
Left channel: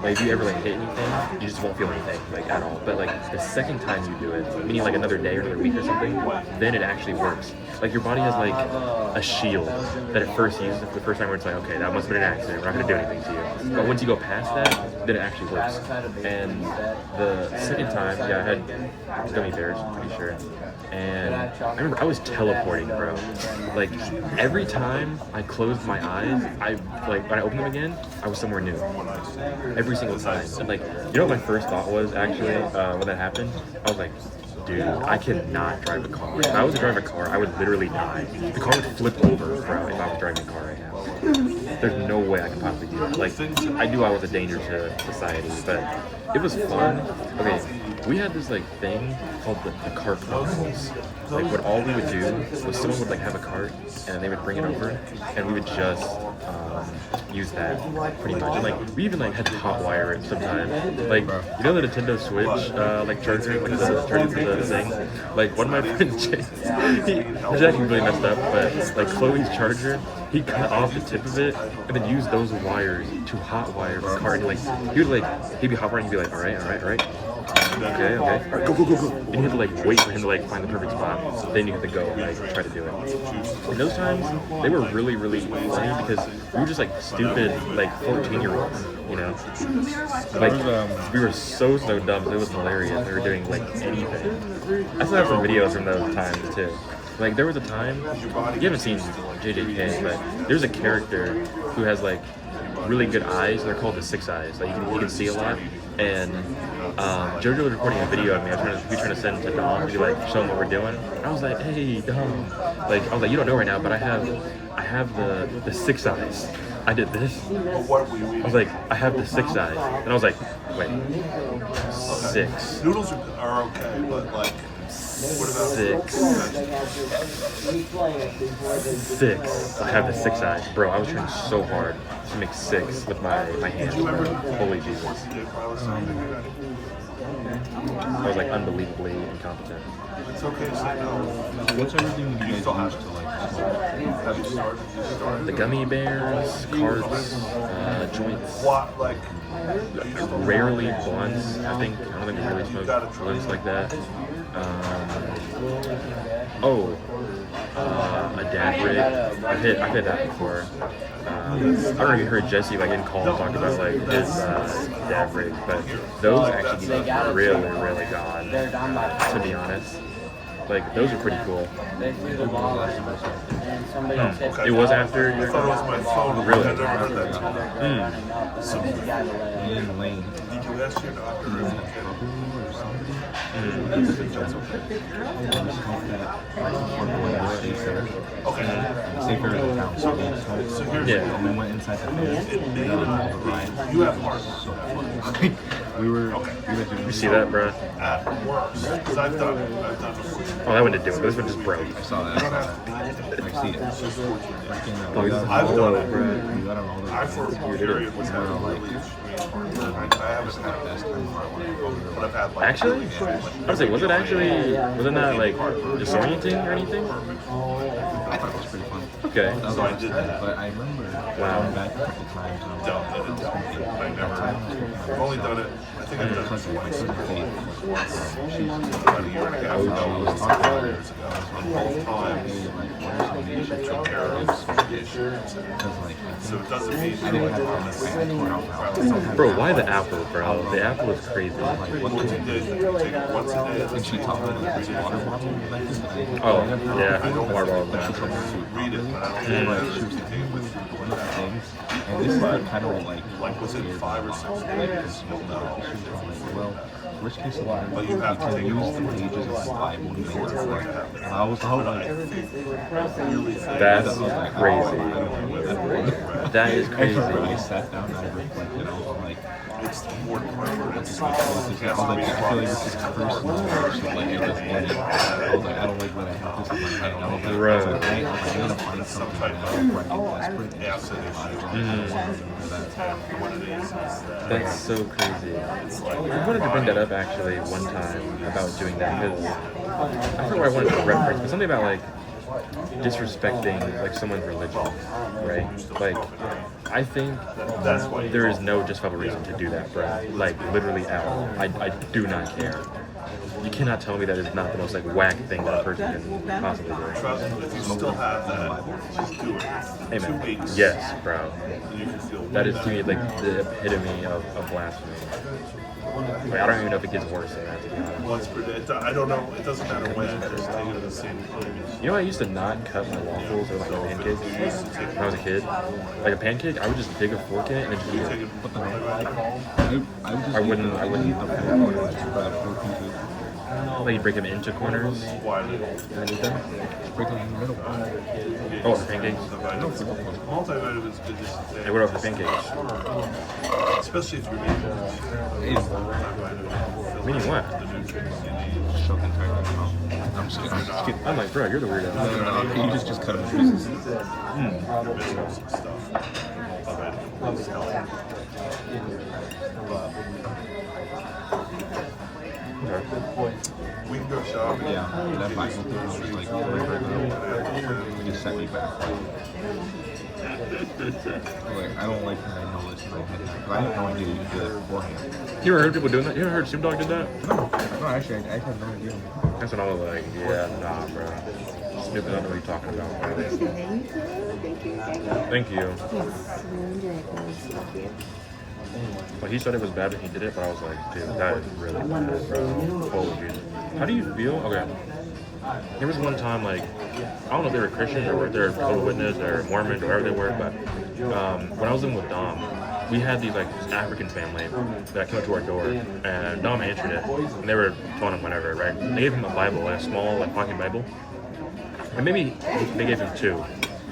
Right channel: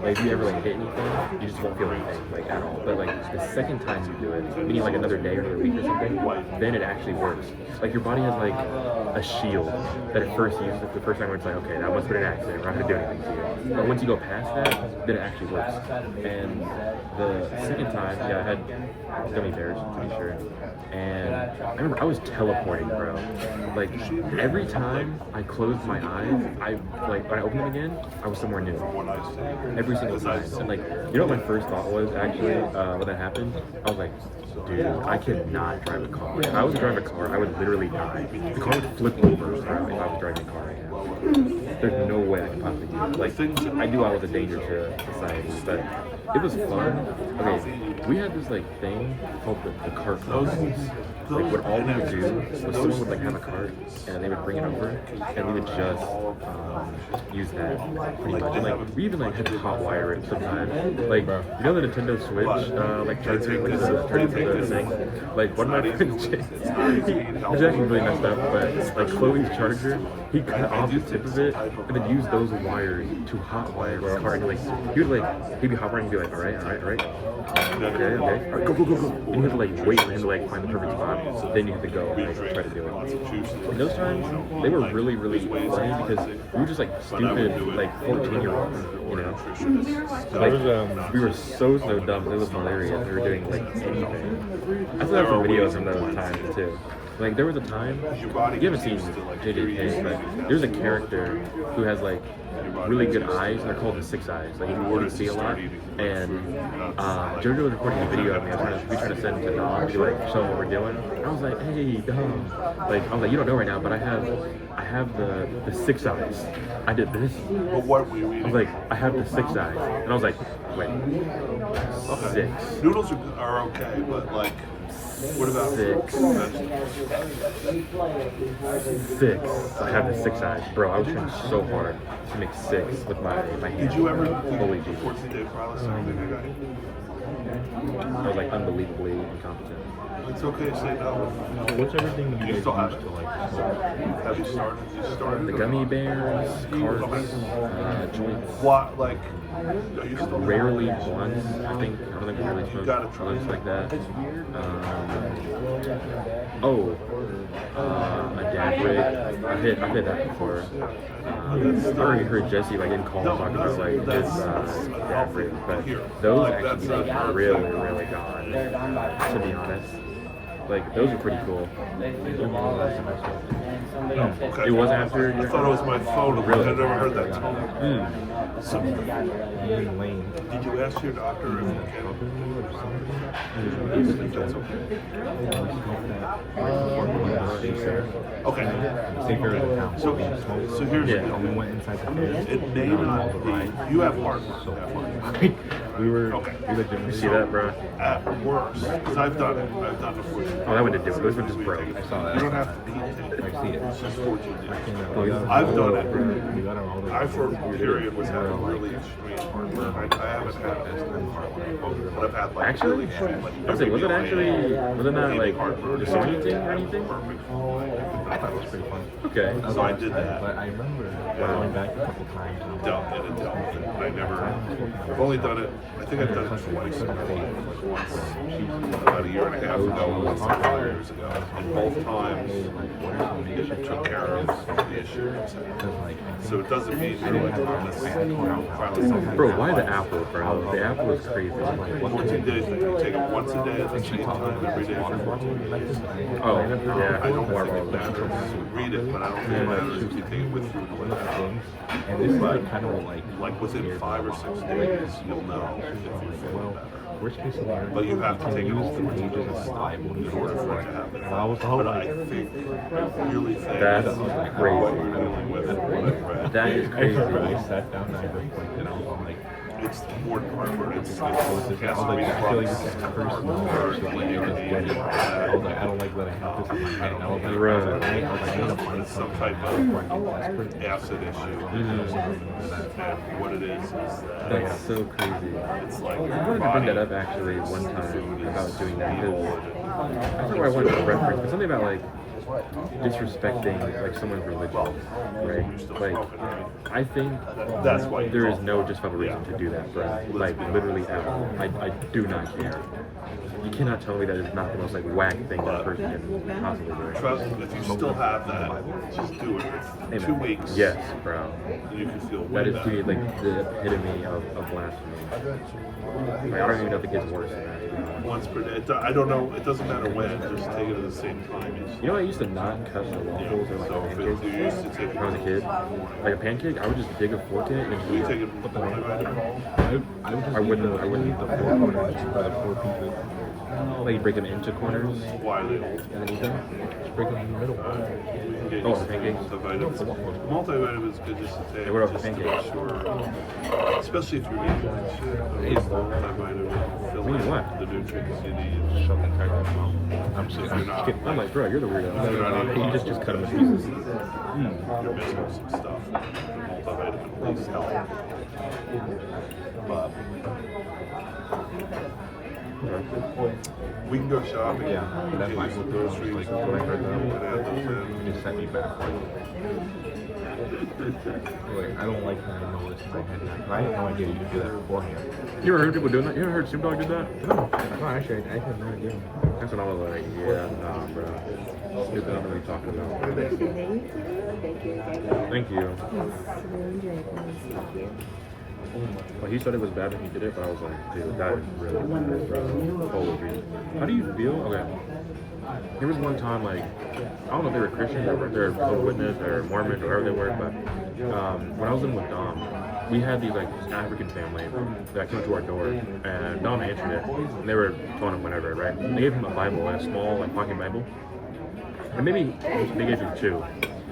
Like, if you ever, like, hit anything, you just won't feel anything, like, at all. But, like, the second time you do it, meaning, like, another day or another week or something, then it actually works. Like, your body has, like, a shield that it first uses the first time where it's like, okay, that must have been an accident, we're not going to do anything to you. But once you go past that, then it actually works. And the second time, yeah, I had gummy bears, I'm pretty sure. And I remember I was teleporting, bro. Like, every time I closed my eyes, like, when I opened them again, I was somewhere new. Every single time. And, like, you know what my first thought was, actually, when that happened? I was like, dude, I cannot drive a car. If I was to drive a car, I would literally die. The car would flip over, bro, if I was driving a car right now. There's no way I could possibly do it. Like, I knew I was a danger to society, but it was fun. Okay, we had this, like, thing called the cart house. Like, what all we would do was someone would, like, have a cart, and they would bring it over, and we would just use that, pretty much. And, like, we even, like, had to hotwire it sometimes. Like, you know the Nintendo Switch, like, charger, like, the thing? Like, one of my friends, he's actually really messed up, but, like, Chloe's charger, he cut off the tip of it, and then used those wires to hotwire the cart. And, like, he'd be hotwiring and be like, all right. Okay. All right, go. And you have to, like, wait for him to, like, find the perfect spot. So then you have to go and, like, try to do it. And those times, they were really, really funny because we were just, like, stupid, like, 14-year-olds, you know? Like, we were so dumb. It was hilarious. We were doing, like, anything. I still have some videos from those times, too. Like, there was a time, you haven't seen JJK, but there's a character who has, like, really good eyes. They're called the six eyes. Like, you can see a lot. And JoJo was recording a video of me. We were trying to send it to Dom to, like, show him what we're doing. And I was like, hey, Dom. Like, I was like, you don't know right now, but I have the six eyes. I did this. I was like, I have the six eyes. And I was like, wait, six. Noodles are okay, but like, Six. I have the six eyes. Bro, I was trying so hard to make six with my hands. Holy Jesus. I was, like, unbelievably incompetent. it's okay to say no. What's everything you guys use to like smoke? the gummy bears, carts, joints. Rarely blunts. I don't think we really smoke blunts like that. A dad rig. I've hit that before. I've already heard Jesse like in call talk about like his dad rig, but those actually get really gone. To be honest, like those are pretty cool. It was after. I thought it was my phone. Really? I never heard that time. Me and Lane, Did you ask your doctor? we had a brother-in-law or somebody. We smoked that one state fair. Okay. State fair in the town, so we smoked. So here's And we went inside the fair. We got on all the rides. You have heart. So fun. we legitimately. You see that, bro? At work. Because I've done it. Oh, that one didn't do it. This one just broke. I saw that. I've seen it. Oh, We got I've on done all it. the- we got on all the I for a period was we were all like, I haven't had it. But I've had like Actually, I was like, wasn't that like disorienting or anything? I thought it was pretty fun. Okay. That was the last time, but I remember going back a couple times and I never. I've only done it. I think I've done it cousin, my cousin Faith, she's about a year and a half. I was talking to her Years ago. both times, like, what are some nature Took care of trips? some issues. Because, like, So it doesn't mean I didn't have I tore out the house. Bro, why the apple, bro? The apple was crazy. Like, what can you you do? did. You take it once a day. And she taught me like this water bottle method that I Oh, never heard yeah, before, but water bottle like, she told me to Read it, properly. but I don't And like she was telling me one of the things, and this is the kind of like within scared me 5 a or lot. 6 Like, days. she was like, well, worst case scenario, But you have to can take it use all the the pages of the Bible to make it work. And I was all like, That's crazy. That is I crazy. sat down and I reflected. I was all like, It's more. It's I was like, I feel like this is personal. So like, I just get it. I was like, I don't like that I have this in my head. And I was like, I need to find something now before I get desperate. acid Mhm. What it is. That's so crazy. I wanted to bring that up actually one time about doing that because I forgot what I wanted to reference, but something about like disrespecting like someone's religion, right? Like I think there is no justifiable reason to do that, bro. Like literally at all. I do not care. You cannot tell me that is not the most like whack thing that a person can possibly do. Trust me, if you still have that, just do it. 2 Amen. weeks. Yes, bro. You can feel That is to me like the epitome of blasphemy. Like, I don't even know if it gets worse than that. To be honest. Well, it's pretty, I don't know. It doesn't matter when. Just take it at the same time. You know, I used to not cut my waffles or my pancakes when I was a kid. Like a pancake, I would just dig a fork in it and just eat it. What the I would just I wouldn't- I would eat the 4 points, but a 4 pieces. Like you break them into corners Why? and then eat them. Just break them in the middle. Oh, for pancakes. Multivitamins good just to Hey, take. what about for pancakes? Especially if you're eating Meaning what? the nutrients you need. Shove them right in the mouth. I'm just kidding. I'm like, bro, you're the weirdo. You just cut them in pieces. Minerals and stuff. We can go shopping. Yeah, that Bible thing, I was like, just set me back. Like, I don't like that I know this in my head. But I had no idea that you could do that beforehand. You ever heard people doing that? You ever heard Snoop Dogg did that? No, actually, I had no idea. That's what I was like, yeah, nah, bro. Snoop, I don't know what you're talking about. Thank you. Thank you. Yes, really enjoyed it. Thank you. Well, he said it was bad when he did it, but I was like, dude, that is really bad, bro. Holy dude. How do you feel? Okay. There was one time, like, I don't know if they were Christians or if they were Jehovah's Witnesses or Mormons or whatever they were, but when I was living with Dom, we had these, like, this African family that came to our door, and Dom answered it, and they were telling him whatever, right? They gave him a Bible, a small, like, pocket Bible, and maybe they gave him 2.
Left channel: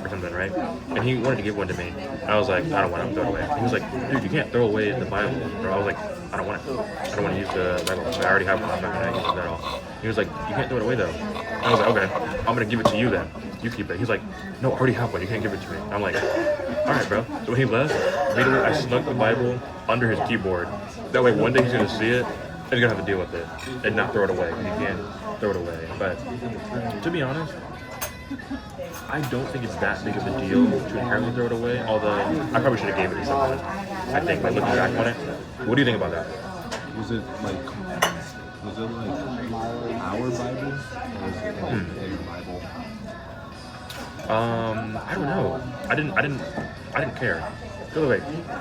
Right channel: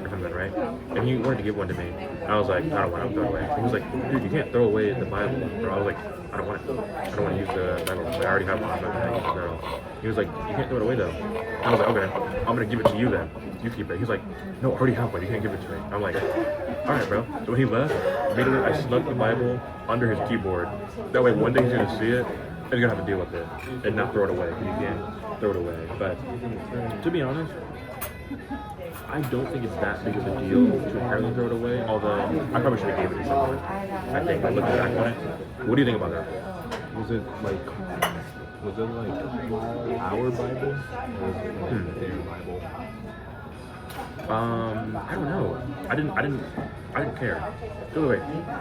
Or something, right? And he wanted to give one to me. And I was like, I don't want to throw it away. He was like, dude, you can't throw away the Bible. Or I was like, I don't want it. I don't want to use the Bible. I already have one. I'm not going to use that at all. He was like, you can't throw it away though. I was like, okay, I'm going to give it to you then. You keep it. He's like, no, I already have one. You can't give it to me. I'm like, all right, bro. So when he left, immediately I snuck the Bible under his keyboard. That way one day he's going to see it and he's going to have to deal with it and not throw it away. He can't throw it away. But to be honest, I don't think it's that big of a deal to inherently throw it away. Although I probably should have gave it to someone. I think, but looking back on it, what do you think about that? Was it like our Bible or was it like their Bible? I don't know. I didn't care. By the way,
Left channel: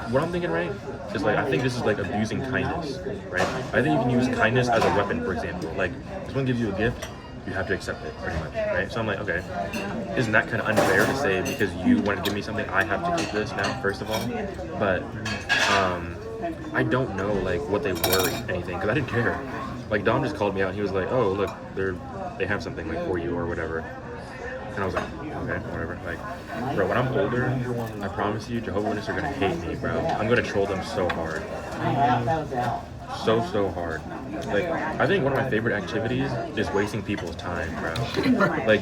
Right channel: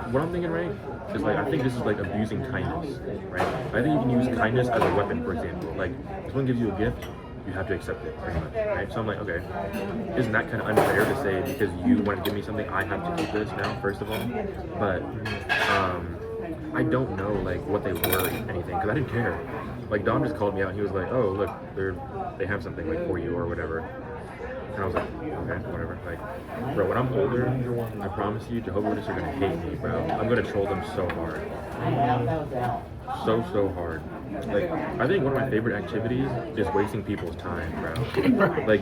what I'm thinking, right, is like I think this is like abusing kindness, right? I think you can use kindness as a weapon, for example. Like, if someone gives you a gift, you have to accept it, pretty much, right? So I'm like, okay, isn't that kind of unfair to say because you want to give me something, I have to take this now, first of all? But I don't know like what they were, or anything, because I didn't care. Like Dom just called me out. He was like, oh look, they have something like for you or whatever. And I was like, okay, whatever. Like, bro, when I'm older, I promise you, Jehovah's Witnesses are gonna hate me, bro. I'm gonna troll them so hard. So hard. Like, I think one of my favorite activities is wasting people's time, bro. Like,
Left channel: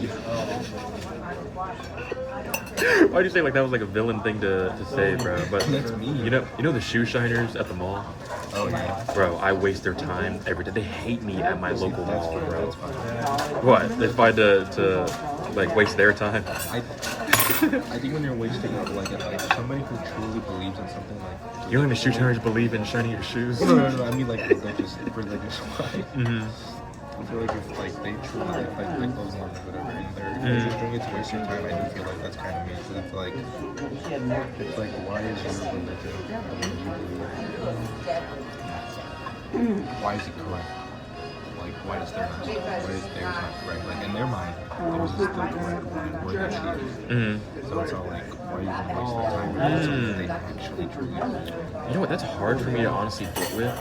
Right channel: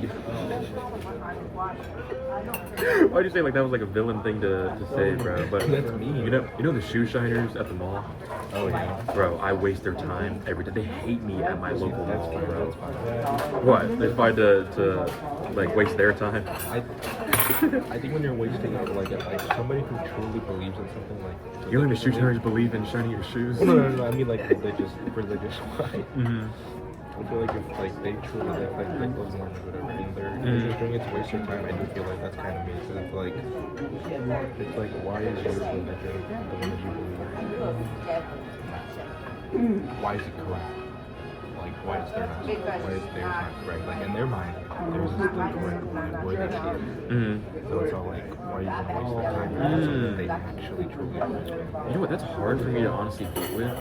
why'd you say like that was like a villain thing to say, bro? But That's me. you know the shoe shiners at the mall? Oh yeah. Bro, I waste their time every day. They hate me at my local That's mall, fine. bro. That's fine. What? It's fine to like waste their time. I think when you're wasting it, like somebody who truly believes in something like You and the shoe shiners believe in shining your shoes? no, I mean like religious wise. Mm-hmm. I feel like if like they truly like those on or whatever and they're just doing it to waste your time, I do feel like that's kind of me. So it's like why is your religion the way you believe? Why is it correct? Like why is theirs not correct? Like in their mind, theirs is the correct one. We're the truth. Mm-hmm. So it's all like why are you gonna waste their time on something they actually truly believe? You know what? That's hard for me to honestly get with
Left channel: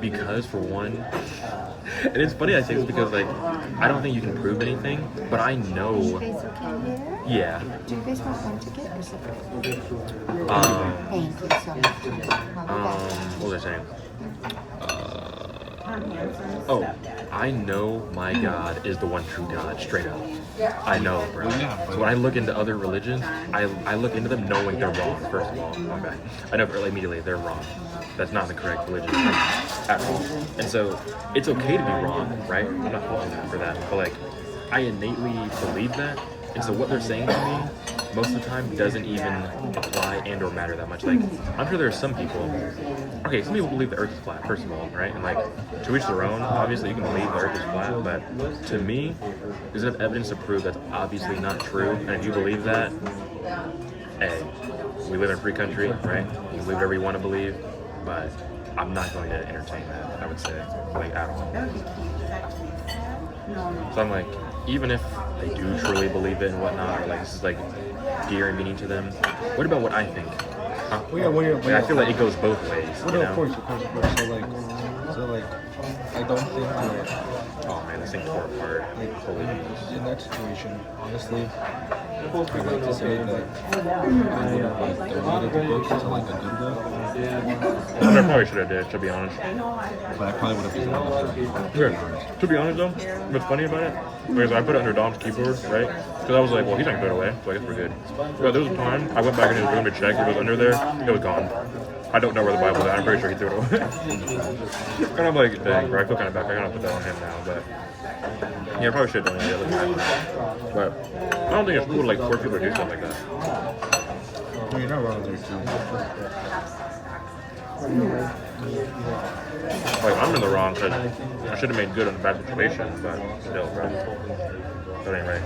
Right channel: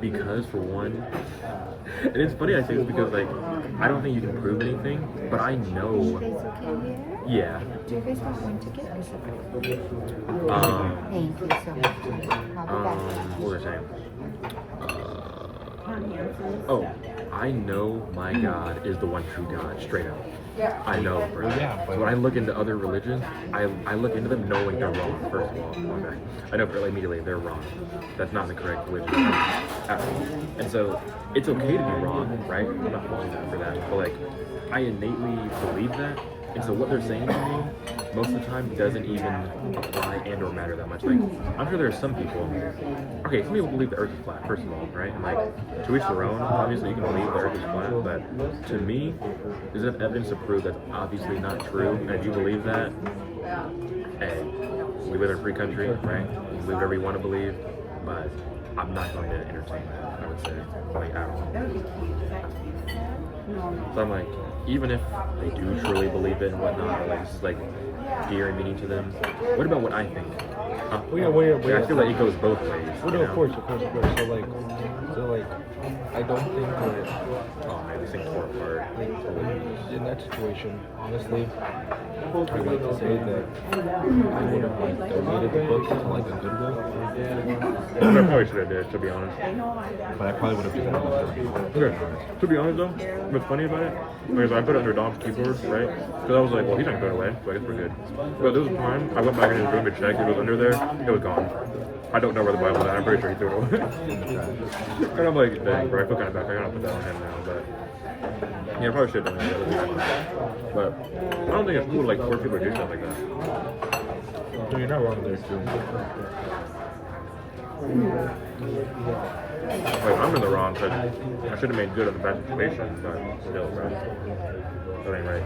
because, for one, and it's funny I say this because like I don't think you can prove anything, but I You know. guys okay there? Yeah. Do you guys want one ticket or separate? Thank you so much. I'll be back. What was I saying? Oh, I know my God is the one true God, straight up. I know, bro. Well, yeah, but So when I look into other religions, I look into them knowing they're wrong, first of all. My bad. I know immediately they're wrong. That's not the correct religion at all. And so it's okay to be wrong, right? I'm not faulting them for that. But like, I innately believe that. And so what they're saying to me, most of the time, doesn't even apply and or matter that much. Like, I'm sure there are some people, okay, some people believe the earth is flat, first of all, right? And like, to each their own, obviously you can believe the earth is flat, but to me, there's enough evidence to prove that's obviously not true. And if you believe that, hey, we live in a free country, right? You can believe whatever you want to believe, but I'm not going to entertain that, I would say, like, at all. So I'm like, even if they do truly believe it and whatnot, or like this is like dear and meaning to them, what about what I think? Huh? I feel like it goes both ways. Well, no, of course. So like, I don't think that. Oh man, this thing tore apart. In that situation, honestly, I'd like to say that I would have like donated the book to like a Goodwill. I probably should have did, to be honest. But I probably would have presented it to Yeah. To be honest though, what's funny about it is I put it under Dom's keyboard, right? Because I was like, well, he's not going to throw it away, so I guess we're good. But there was a time I went back in his room to check if it was under there. It was gone. I don't know where the Bible is. I'm pretty sure he threw it away. And I'm like, dang, bro, I feel kind of bad. I gotta put that on him now, but yeah, I probably should have done it. But I don't think it's cool to like force people to do something like that. You're not wrong there too. Like, I'm in the wrong because I should have made good on the bad situation, but still, bro. But anyway,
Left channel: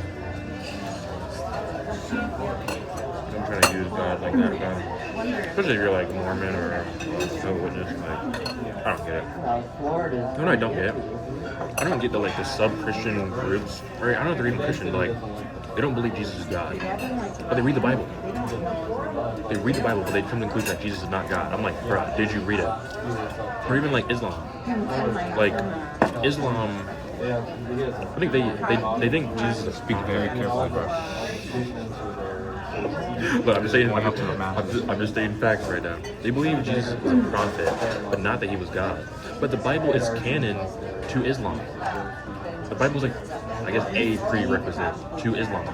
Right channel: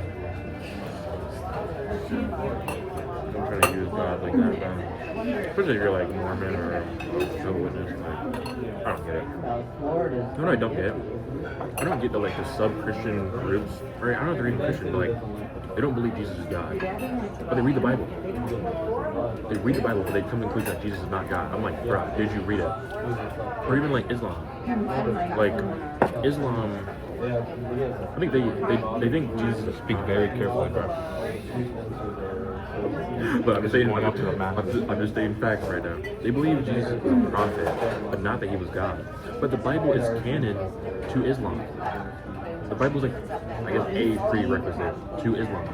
I'm trying to use God like that, bro. Especially if you're like Mormon or Jehovah's Witness, like, I don't get it. You know what I don't get? I don't get the like the sub-Christian groups. Right? I don't know if they're even Christian, but like they don't believe Jesus is God, but they read the Bible. They read the Bible, but they come to the conclusion that Jesus is not God. I'm like, bro, did you read it? Or even like Islam. Like Islam, I think they think Jesus is Be very careful. But I'm just stating facts right now. They believe Jesus is a prophet, but not that he was God. But the Bible is canon to Islam. The Bible is like, I guess, a prerequisite to Islam.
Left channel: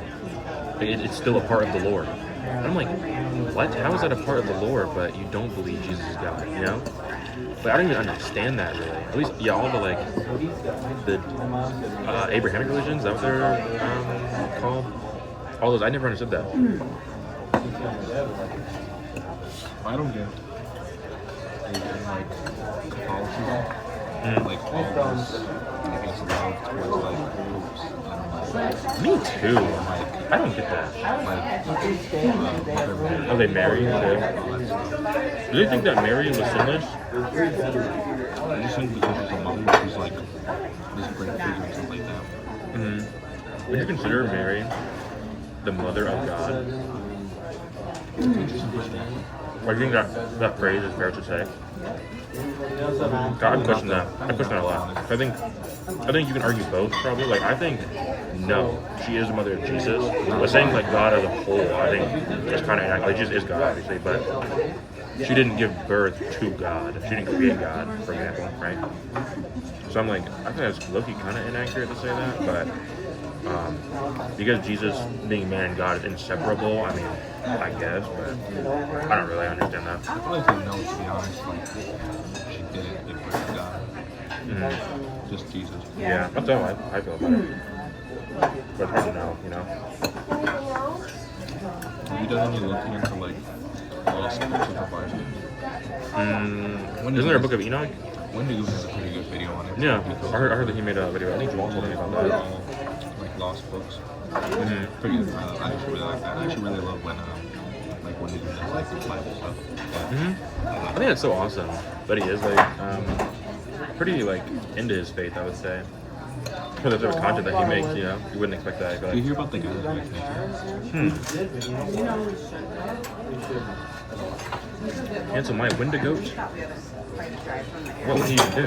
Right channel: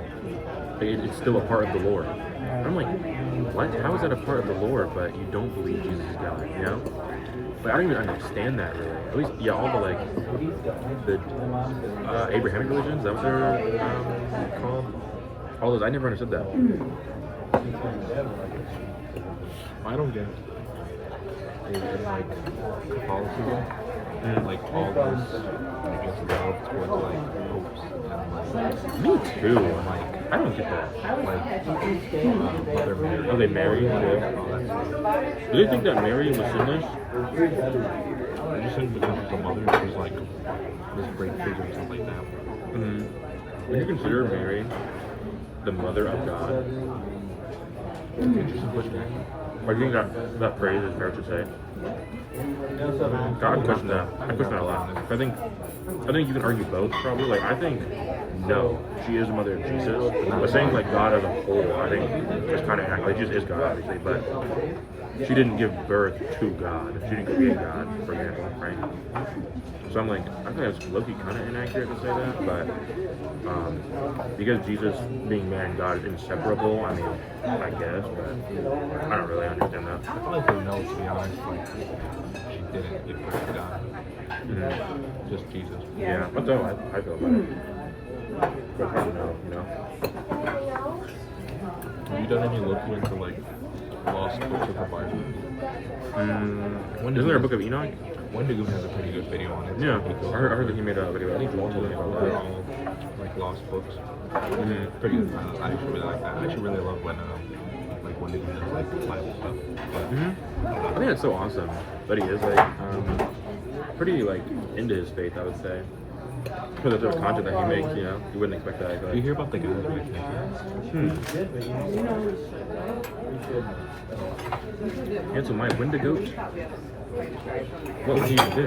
It's still a part of the Lord. I'm like, what? How is that a part of the Lord, but you don't believe Jesus is God? You know? Like, I don't even understand that really. At least, yeah, all the like the Abrahamic religions, is that what they're called? All those, I never understood that. I don't get is in like Catholicism, like all this, I guess, love towards like popes and like, Me too. like I don't get that. Mother Mary. Are they married? All Too? that stuff. Do they think that Mary was sinless? I just think because she's a mother, she's like this great figure and stuff like that. Mm-hmm. Would you consider Mary the mother of God? It's an interesting perspective. Or do you think that phrase is fair to say? God, I question that. I question that a lot. I think you can argue both probably. Like I think no, she is the mother of Jesus. But saying like God as a whole, I think it's kind of like Jesus is God, obviously, but she didn't give birth to God. She didn't create God, for example, right? So I'm like, I think it's low-key kind of inaccurate to say that, but because Jesus being man and God is inseparable, I mean, I guess, but I don't really understand that. I feel like they know, to be honest, like she didn't give birth to God. Just Jesus. Yeah, that's how I feel about it. But I don't know, you know? Have you done any looking into like lost books of the Bible? Isn't there a book of Enoch? Wendy has a pretty good video on it. Yeah, I heard that he made a video. I think Joel told me about They're that. all like lost books. Mm-hmm. Pretty, I actually really like that. I actually really love when they do that, like Bible stuff. Yeah. I think it's so awesome that he is like pretty like into his faith, I would say. For the type of content that he makes, you know, you wouldn't expect that. Do you hear about the guy that makes Cancel my Wendigo? What would he even do?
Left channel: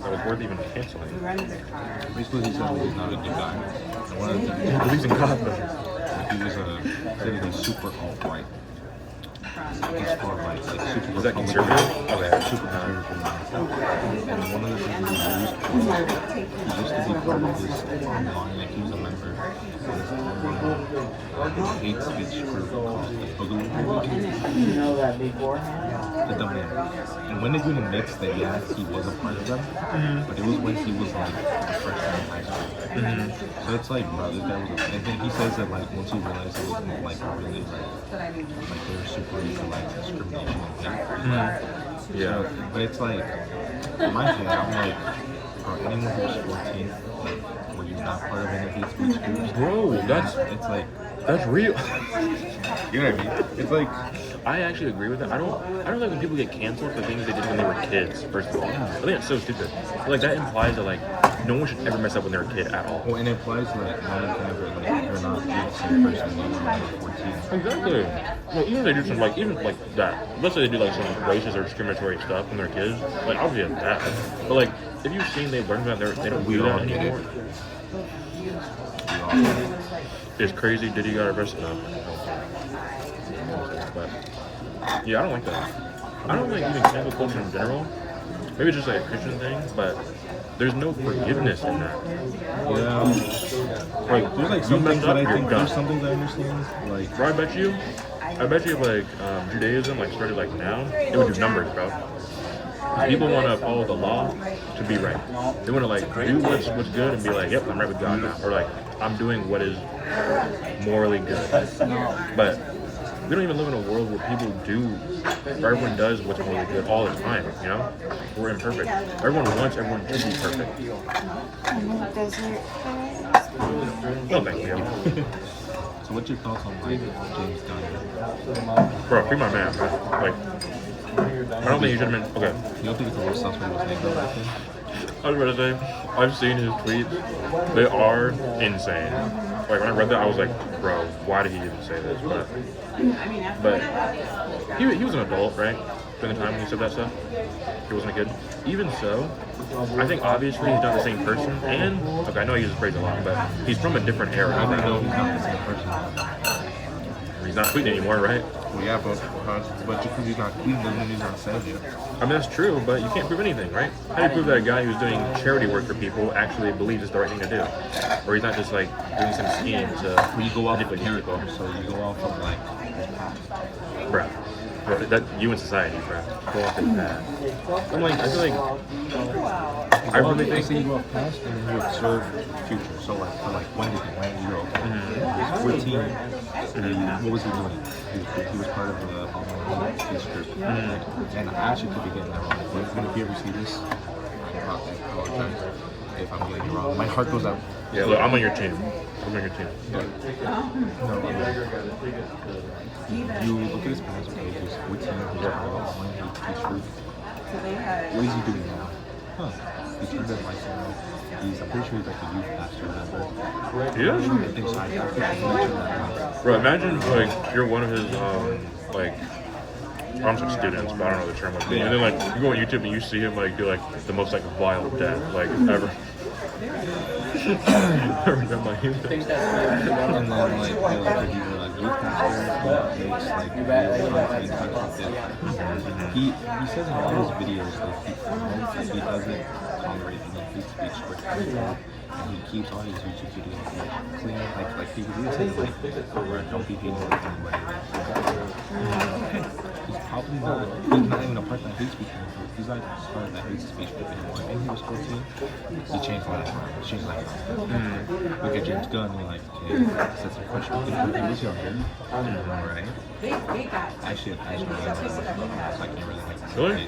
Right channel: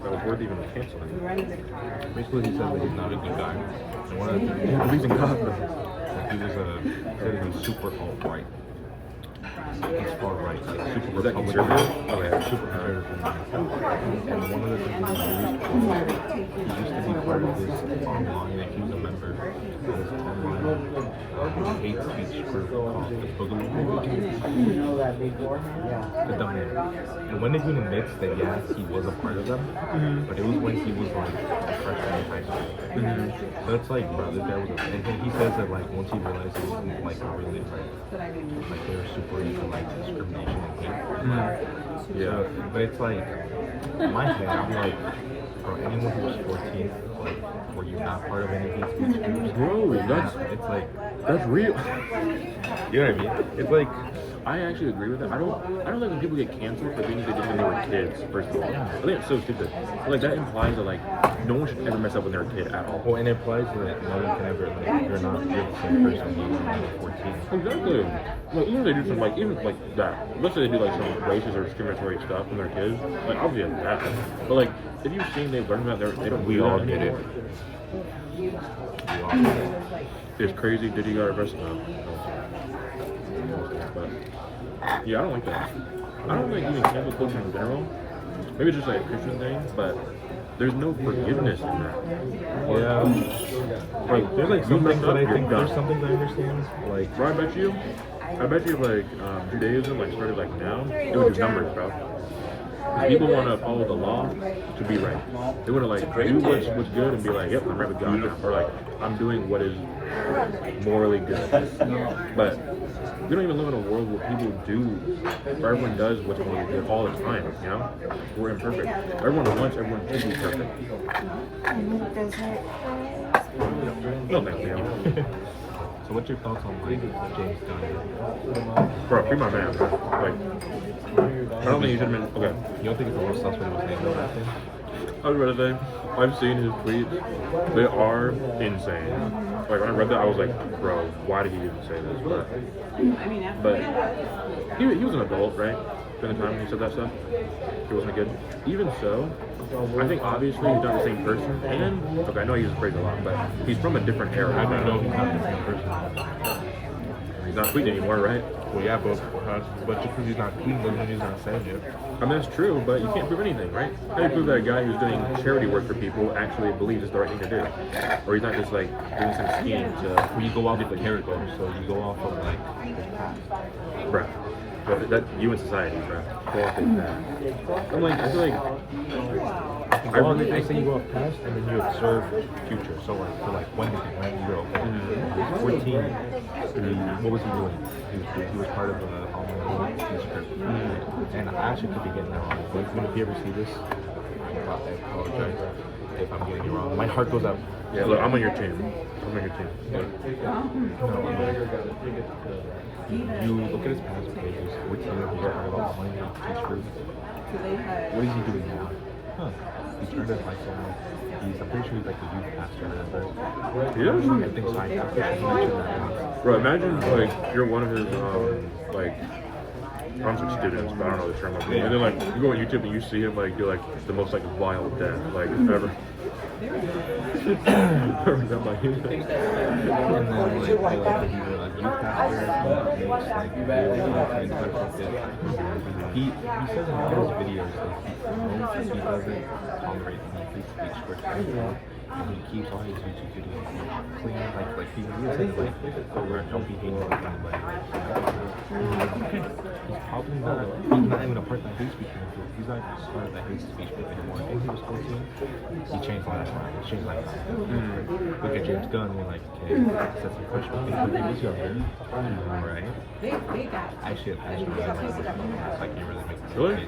That was worth even canceling. Basically, he said that he's not a good guy. And one of the things He believes in God, though. he was said he's super alt-right. He's far right, like super Is that Republican. conservative? Okay. Super conservative. And one of the things he used was he used to be part of this online, like he was a member of this online hate speech group called the Boogaloo the dumb name. And when they even admits that yes, he was a part of them, but it was when he was like a freshman in high school. So it's like, bro, this guy was and then he says that like once he realized it wasn't like really like they were super into like discrimination and hate. Yeah. So, but it's like in my head, I'm like, for anyone who's 14, like where you're not part of any hate speech groups, Bro, it's like, that's real. you know what I mean? It's like, I actually agree with that. I don't like when people get canceled for things they did when they were kids, first of all. I think it's so stupid. Like that implies that like no one should ever mess up when they're a kid at all. well, and it implies that no one can ever, like, you're not the same person you were when you were 14. Exactly. Well, even if they do some like even like that. Let's say they do like some racist or discriminatory stuff when they're kids. Like obviously it's bad. But like if you've seen they've learned about they don't We do all that get it. anymore. We all get it. It's crazy. Diddy got arrested. But yeah, I don't like that. I don't like even cancel culture in general. Maybe it's just like a Christian thing, but there's no forgiveness in that. Yeah. Like, there's like some things that I think, You're there's done. some things I understand. Like, Bro, I bet you if like Judaism like started like now, it would do numbers, bro. 'Cause people want to follow the law to be right. They want to like do what's good and be like, yep, I'm right with God now, or like I'm doing what is morally good. But we don't even live in a world where people do, where everyone does what's morally good all the time. You know, we're imperfect. Everyone wants everyone to be perfect. And the desert is No, thank you. so what's your thoughts on like James Gunn? Bro, free my man, bro. Like, I don't think he should have been. Okay. You don't think it's a little sus what he was saying about that thing? I was gonna say, I've seen his tweets. They are insane. Like when I read that, I was like, bro, why did he even say this? But he was an adult, right? During the time he said that stuff, he wasn't a kid. Even so, I think obviously he's not the same person. And okay, I know he uses praise a lot, but he's from a different era. I know he's not the same person. He's not tweeting anymore, right? Well, yeah, but because he's not clean doesn't mean he's not saying it. I mean, that's true, but you can't prove anything, right? How do you prove that a guy who's doing charity work for people actually believes it's the right thing to do? Or he's not just like doing some scheme to. Well, you go off of character, so you go off of like his past. Bro. But that you in society, bro. Go off his past. I'm like, I feel like. I say you go off past and then you observe future. So like for like 1 weekend, right? You go, okay, 14. What was he doing? He was part of the online peace group. And I actually could be getting that wrong. But if you ever see this, I apologize if I'm getting it wrong. My heart goes out. Yeah, look, I'm on your team. I'm on your team. No, you look at his past pages, 14 years ago, online peace group. What is he doing now? Huh. He turned his life around. I'm pretty sure he's like a youth pastor or whatever. Yeah? I think so. I'm pretty sure he mentioned that. Bro, imagine like you're one of his like I'm some students, but I don't know the term. Like, and then like you go on YouTube and you see him like do like the most like wild death like ever. And then like he's like he's a like youth pastor, he makes like videos on stuff like that. He says in all his videos like he doesn't tolerate any hate speech or anything. And he keeps all his YouTube videos like clean, like he would say like wear comfy things with anybody. He's probably he's not even a part of that hate speech movement. He's not a part of that hate speech movement anymore. I think he was 14. He changed my life around. It's just like look at James Gunn, you're like, okay, set some questions. He was younger. Right? Actually, I can't really make the Really?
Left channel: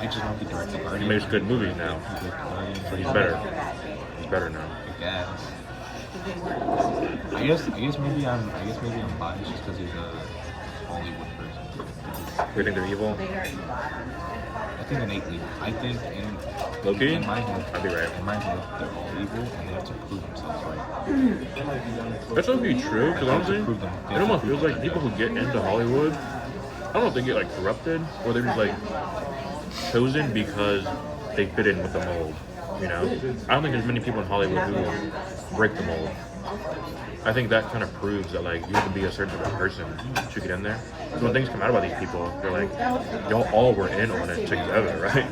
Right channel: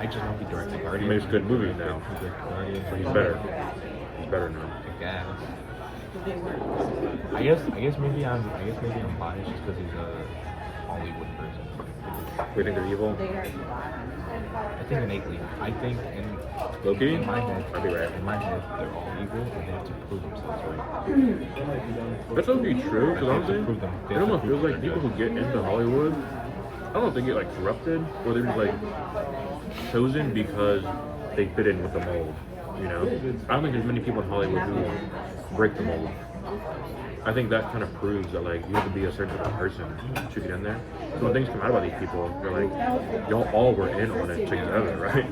I just want to direct the Guardian. He makes good movies now. He's better. He's better now. I guess maybe I'm biased just because he's a Hollywood person. You think they're evil? I think innately. I think Loki? in my head, I'll be right. in my head, they're all evil and they have to prove themselves right. That's not be true, because honestly, Prove them. it almost feels like people who get into Hollywood, I don't know if they get like corrupted or they're just like chosen because they fit in with the mold. You know, I don't think there's many people in Hollywood who break the mold. I think that kind of proves that like you have to be a certain type of person to get in there. So when things come out about these people, they're like, y'all all were in on it together, right?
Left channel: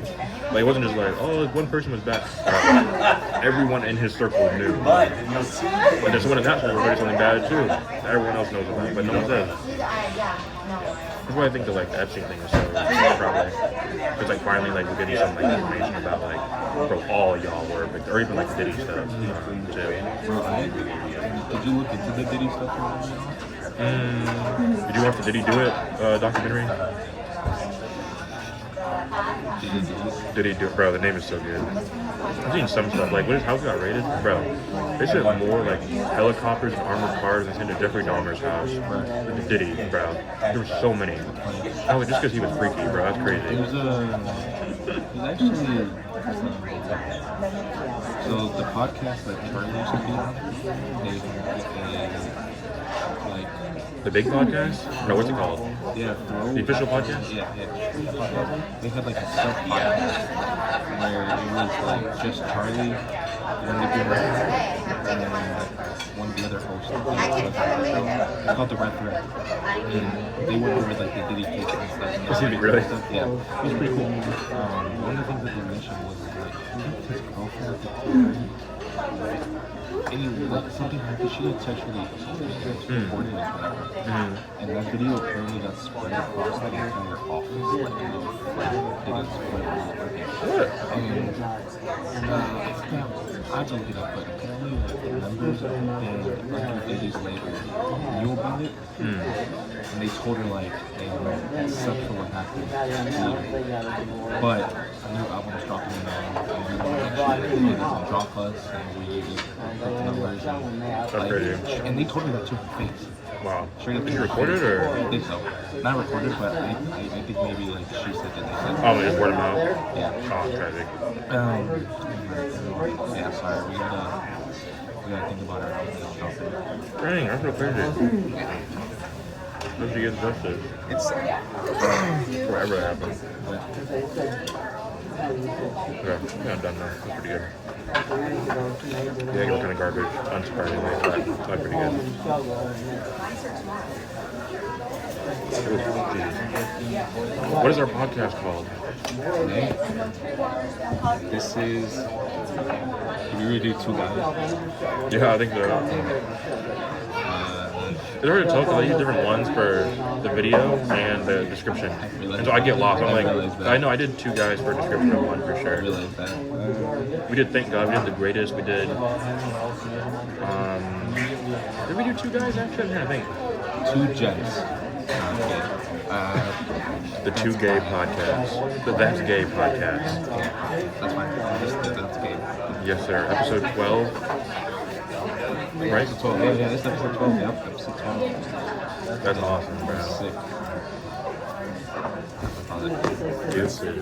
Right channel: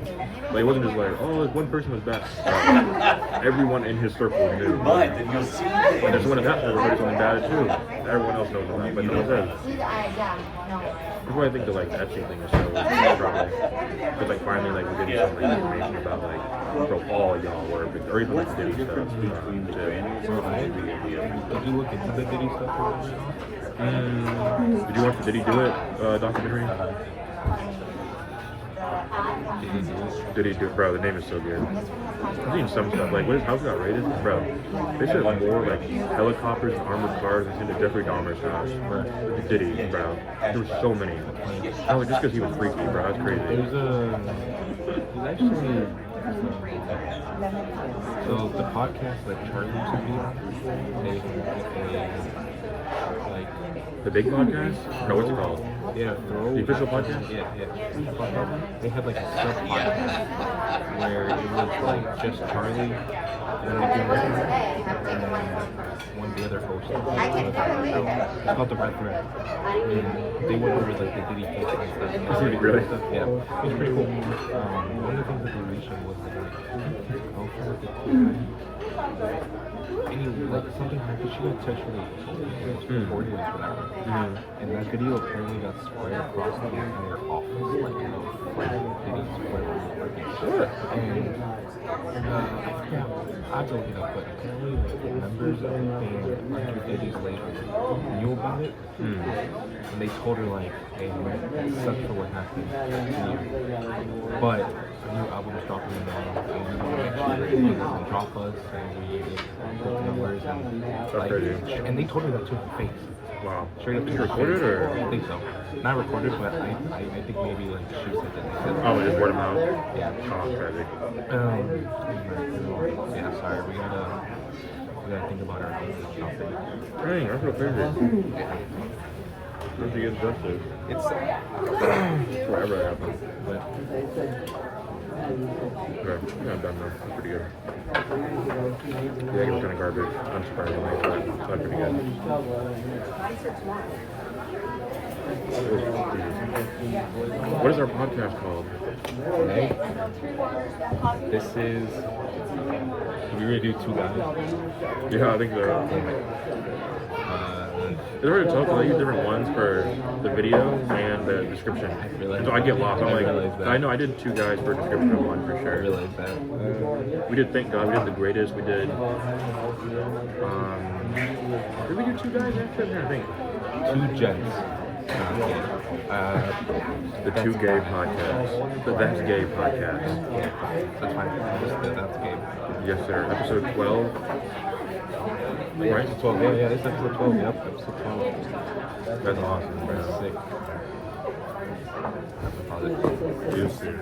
Like it wasn't just like, oh, like one person was bad. Everyone in his circle knew. And then someone in that circle did something bad too. Everyone else knows about it, but no one says. That's why I think the like Epstein thing is so probably because like finally like we're getting some like, information about like bro all y'all were or even like Diddy stuff too. Did you look into the Diddy stuff? Did you watch the Did He Do It documentary? Did he do it? Bro, the name is so good. I've seen some stuff like when his house got raided, bro. They sent more like helicopters and armored cars than sent to Jeffrey Dahmer's house, bro. Did he, bro? There were so many. Oh, just because he was freaky, bro. That's crazy. There's actually so the podcast that Charlie used to be on, they have The big podcast? No, what's it called? Yeah, The official podcast? Yeah. They had like a sub podcast where it was like just Charlie, one of the and then one of the other hosts. It's called The Red Thread. And they went over like the Diddy case and stuff. Really? Yeah, it was pretty cool. One of the things that they mentioned was like his girlfriend. Like something happened, she got sexually assaulted, she was reported or whatever. And that video apparently got spread across the entire office, like, you know, like they got spread all over. And I forgot, I have to look it up, but apparently like the members of the band under Diddy's label knew about it. And they told her like, hey, it sucks for what happened to you. But a new album is dropping tomorrow, and we want to make sure that it doesn't drop us, and we put numbers and like, and they told her that to her face. Wow. Straight up to her Recorded face. or? I think so. Not recorded, but I think maybe like she said that they said. Oh, they word of mouth? Yeah. Oh, tragic. Yeah, sorry, we gotta think about our album and stuff. Dang, that's what crazy. Once you get invested, It's sad. forever happened. But Yeah, I've done that. That's pretty good. The egg was kind of garbage, unsurprisingly, but that's pretty good. Oh, geez. What is our podcast called? Right? This is. Can we do 2 guys? Yeah, I think so. It's already tough because I use different ones for the video and the description. And so I get lost. I'm like, I know I did 2 guys for description one for I sure. realize that. We did Thank God. We did The Greatest. We did. Did we do 2 guys actually? I'm trying to think. 2 gents. Okay. The 2 Gay Podcasts. The That's Gay Podcast. That's fine. That's gay. Yes, sir. Episode 12. Right? Episode 12. Yeah, this is episode 12. Yep, episode 12. That's awesome. That's sick. Yes, sir.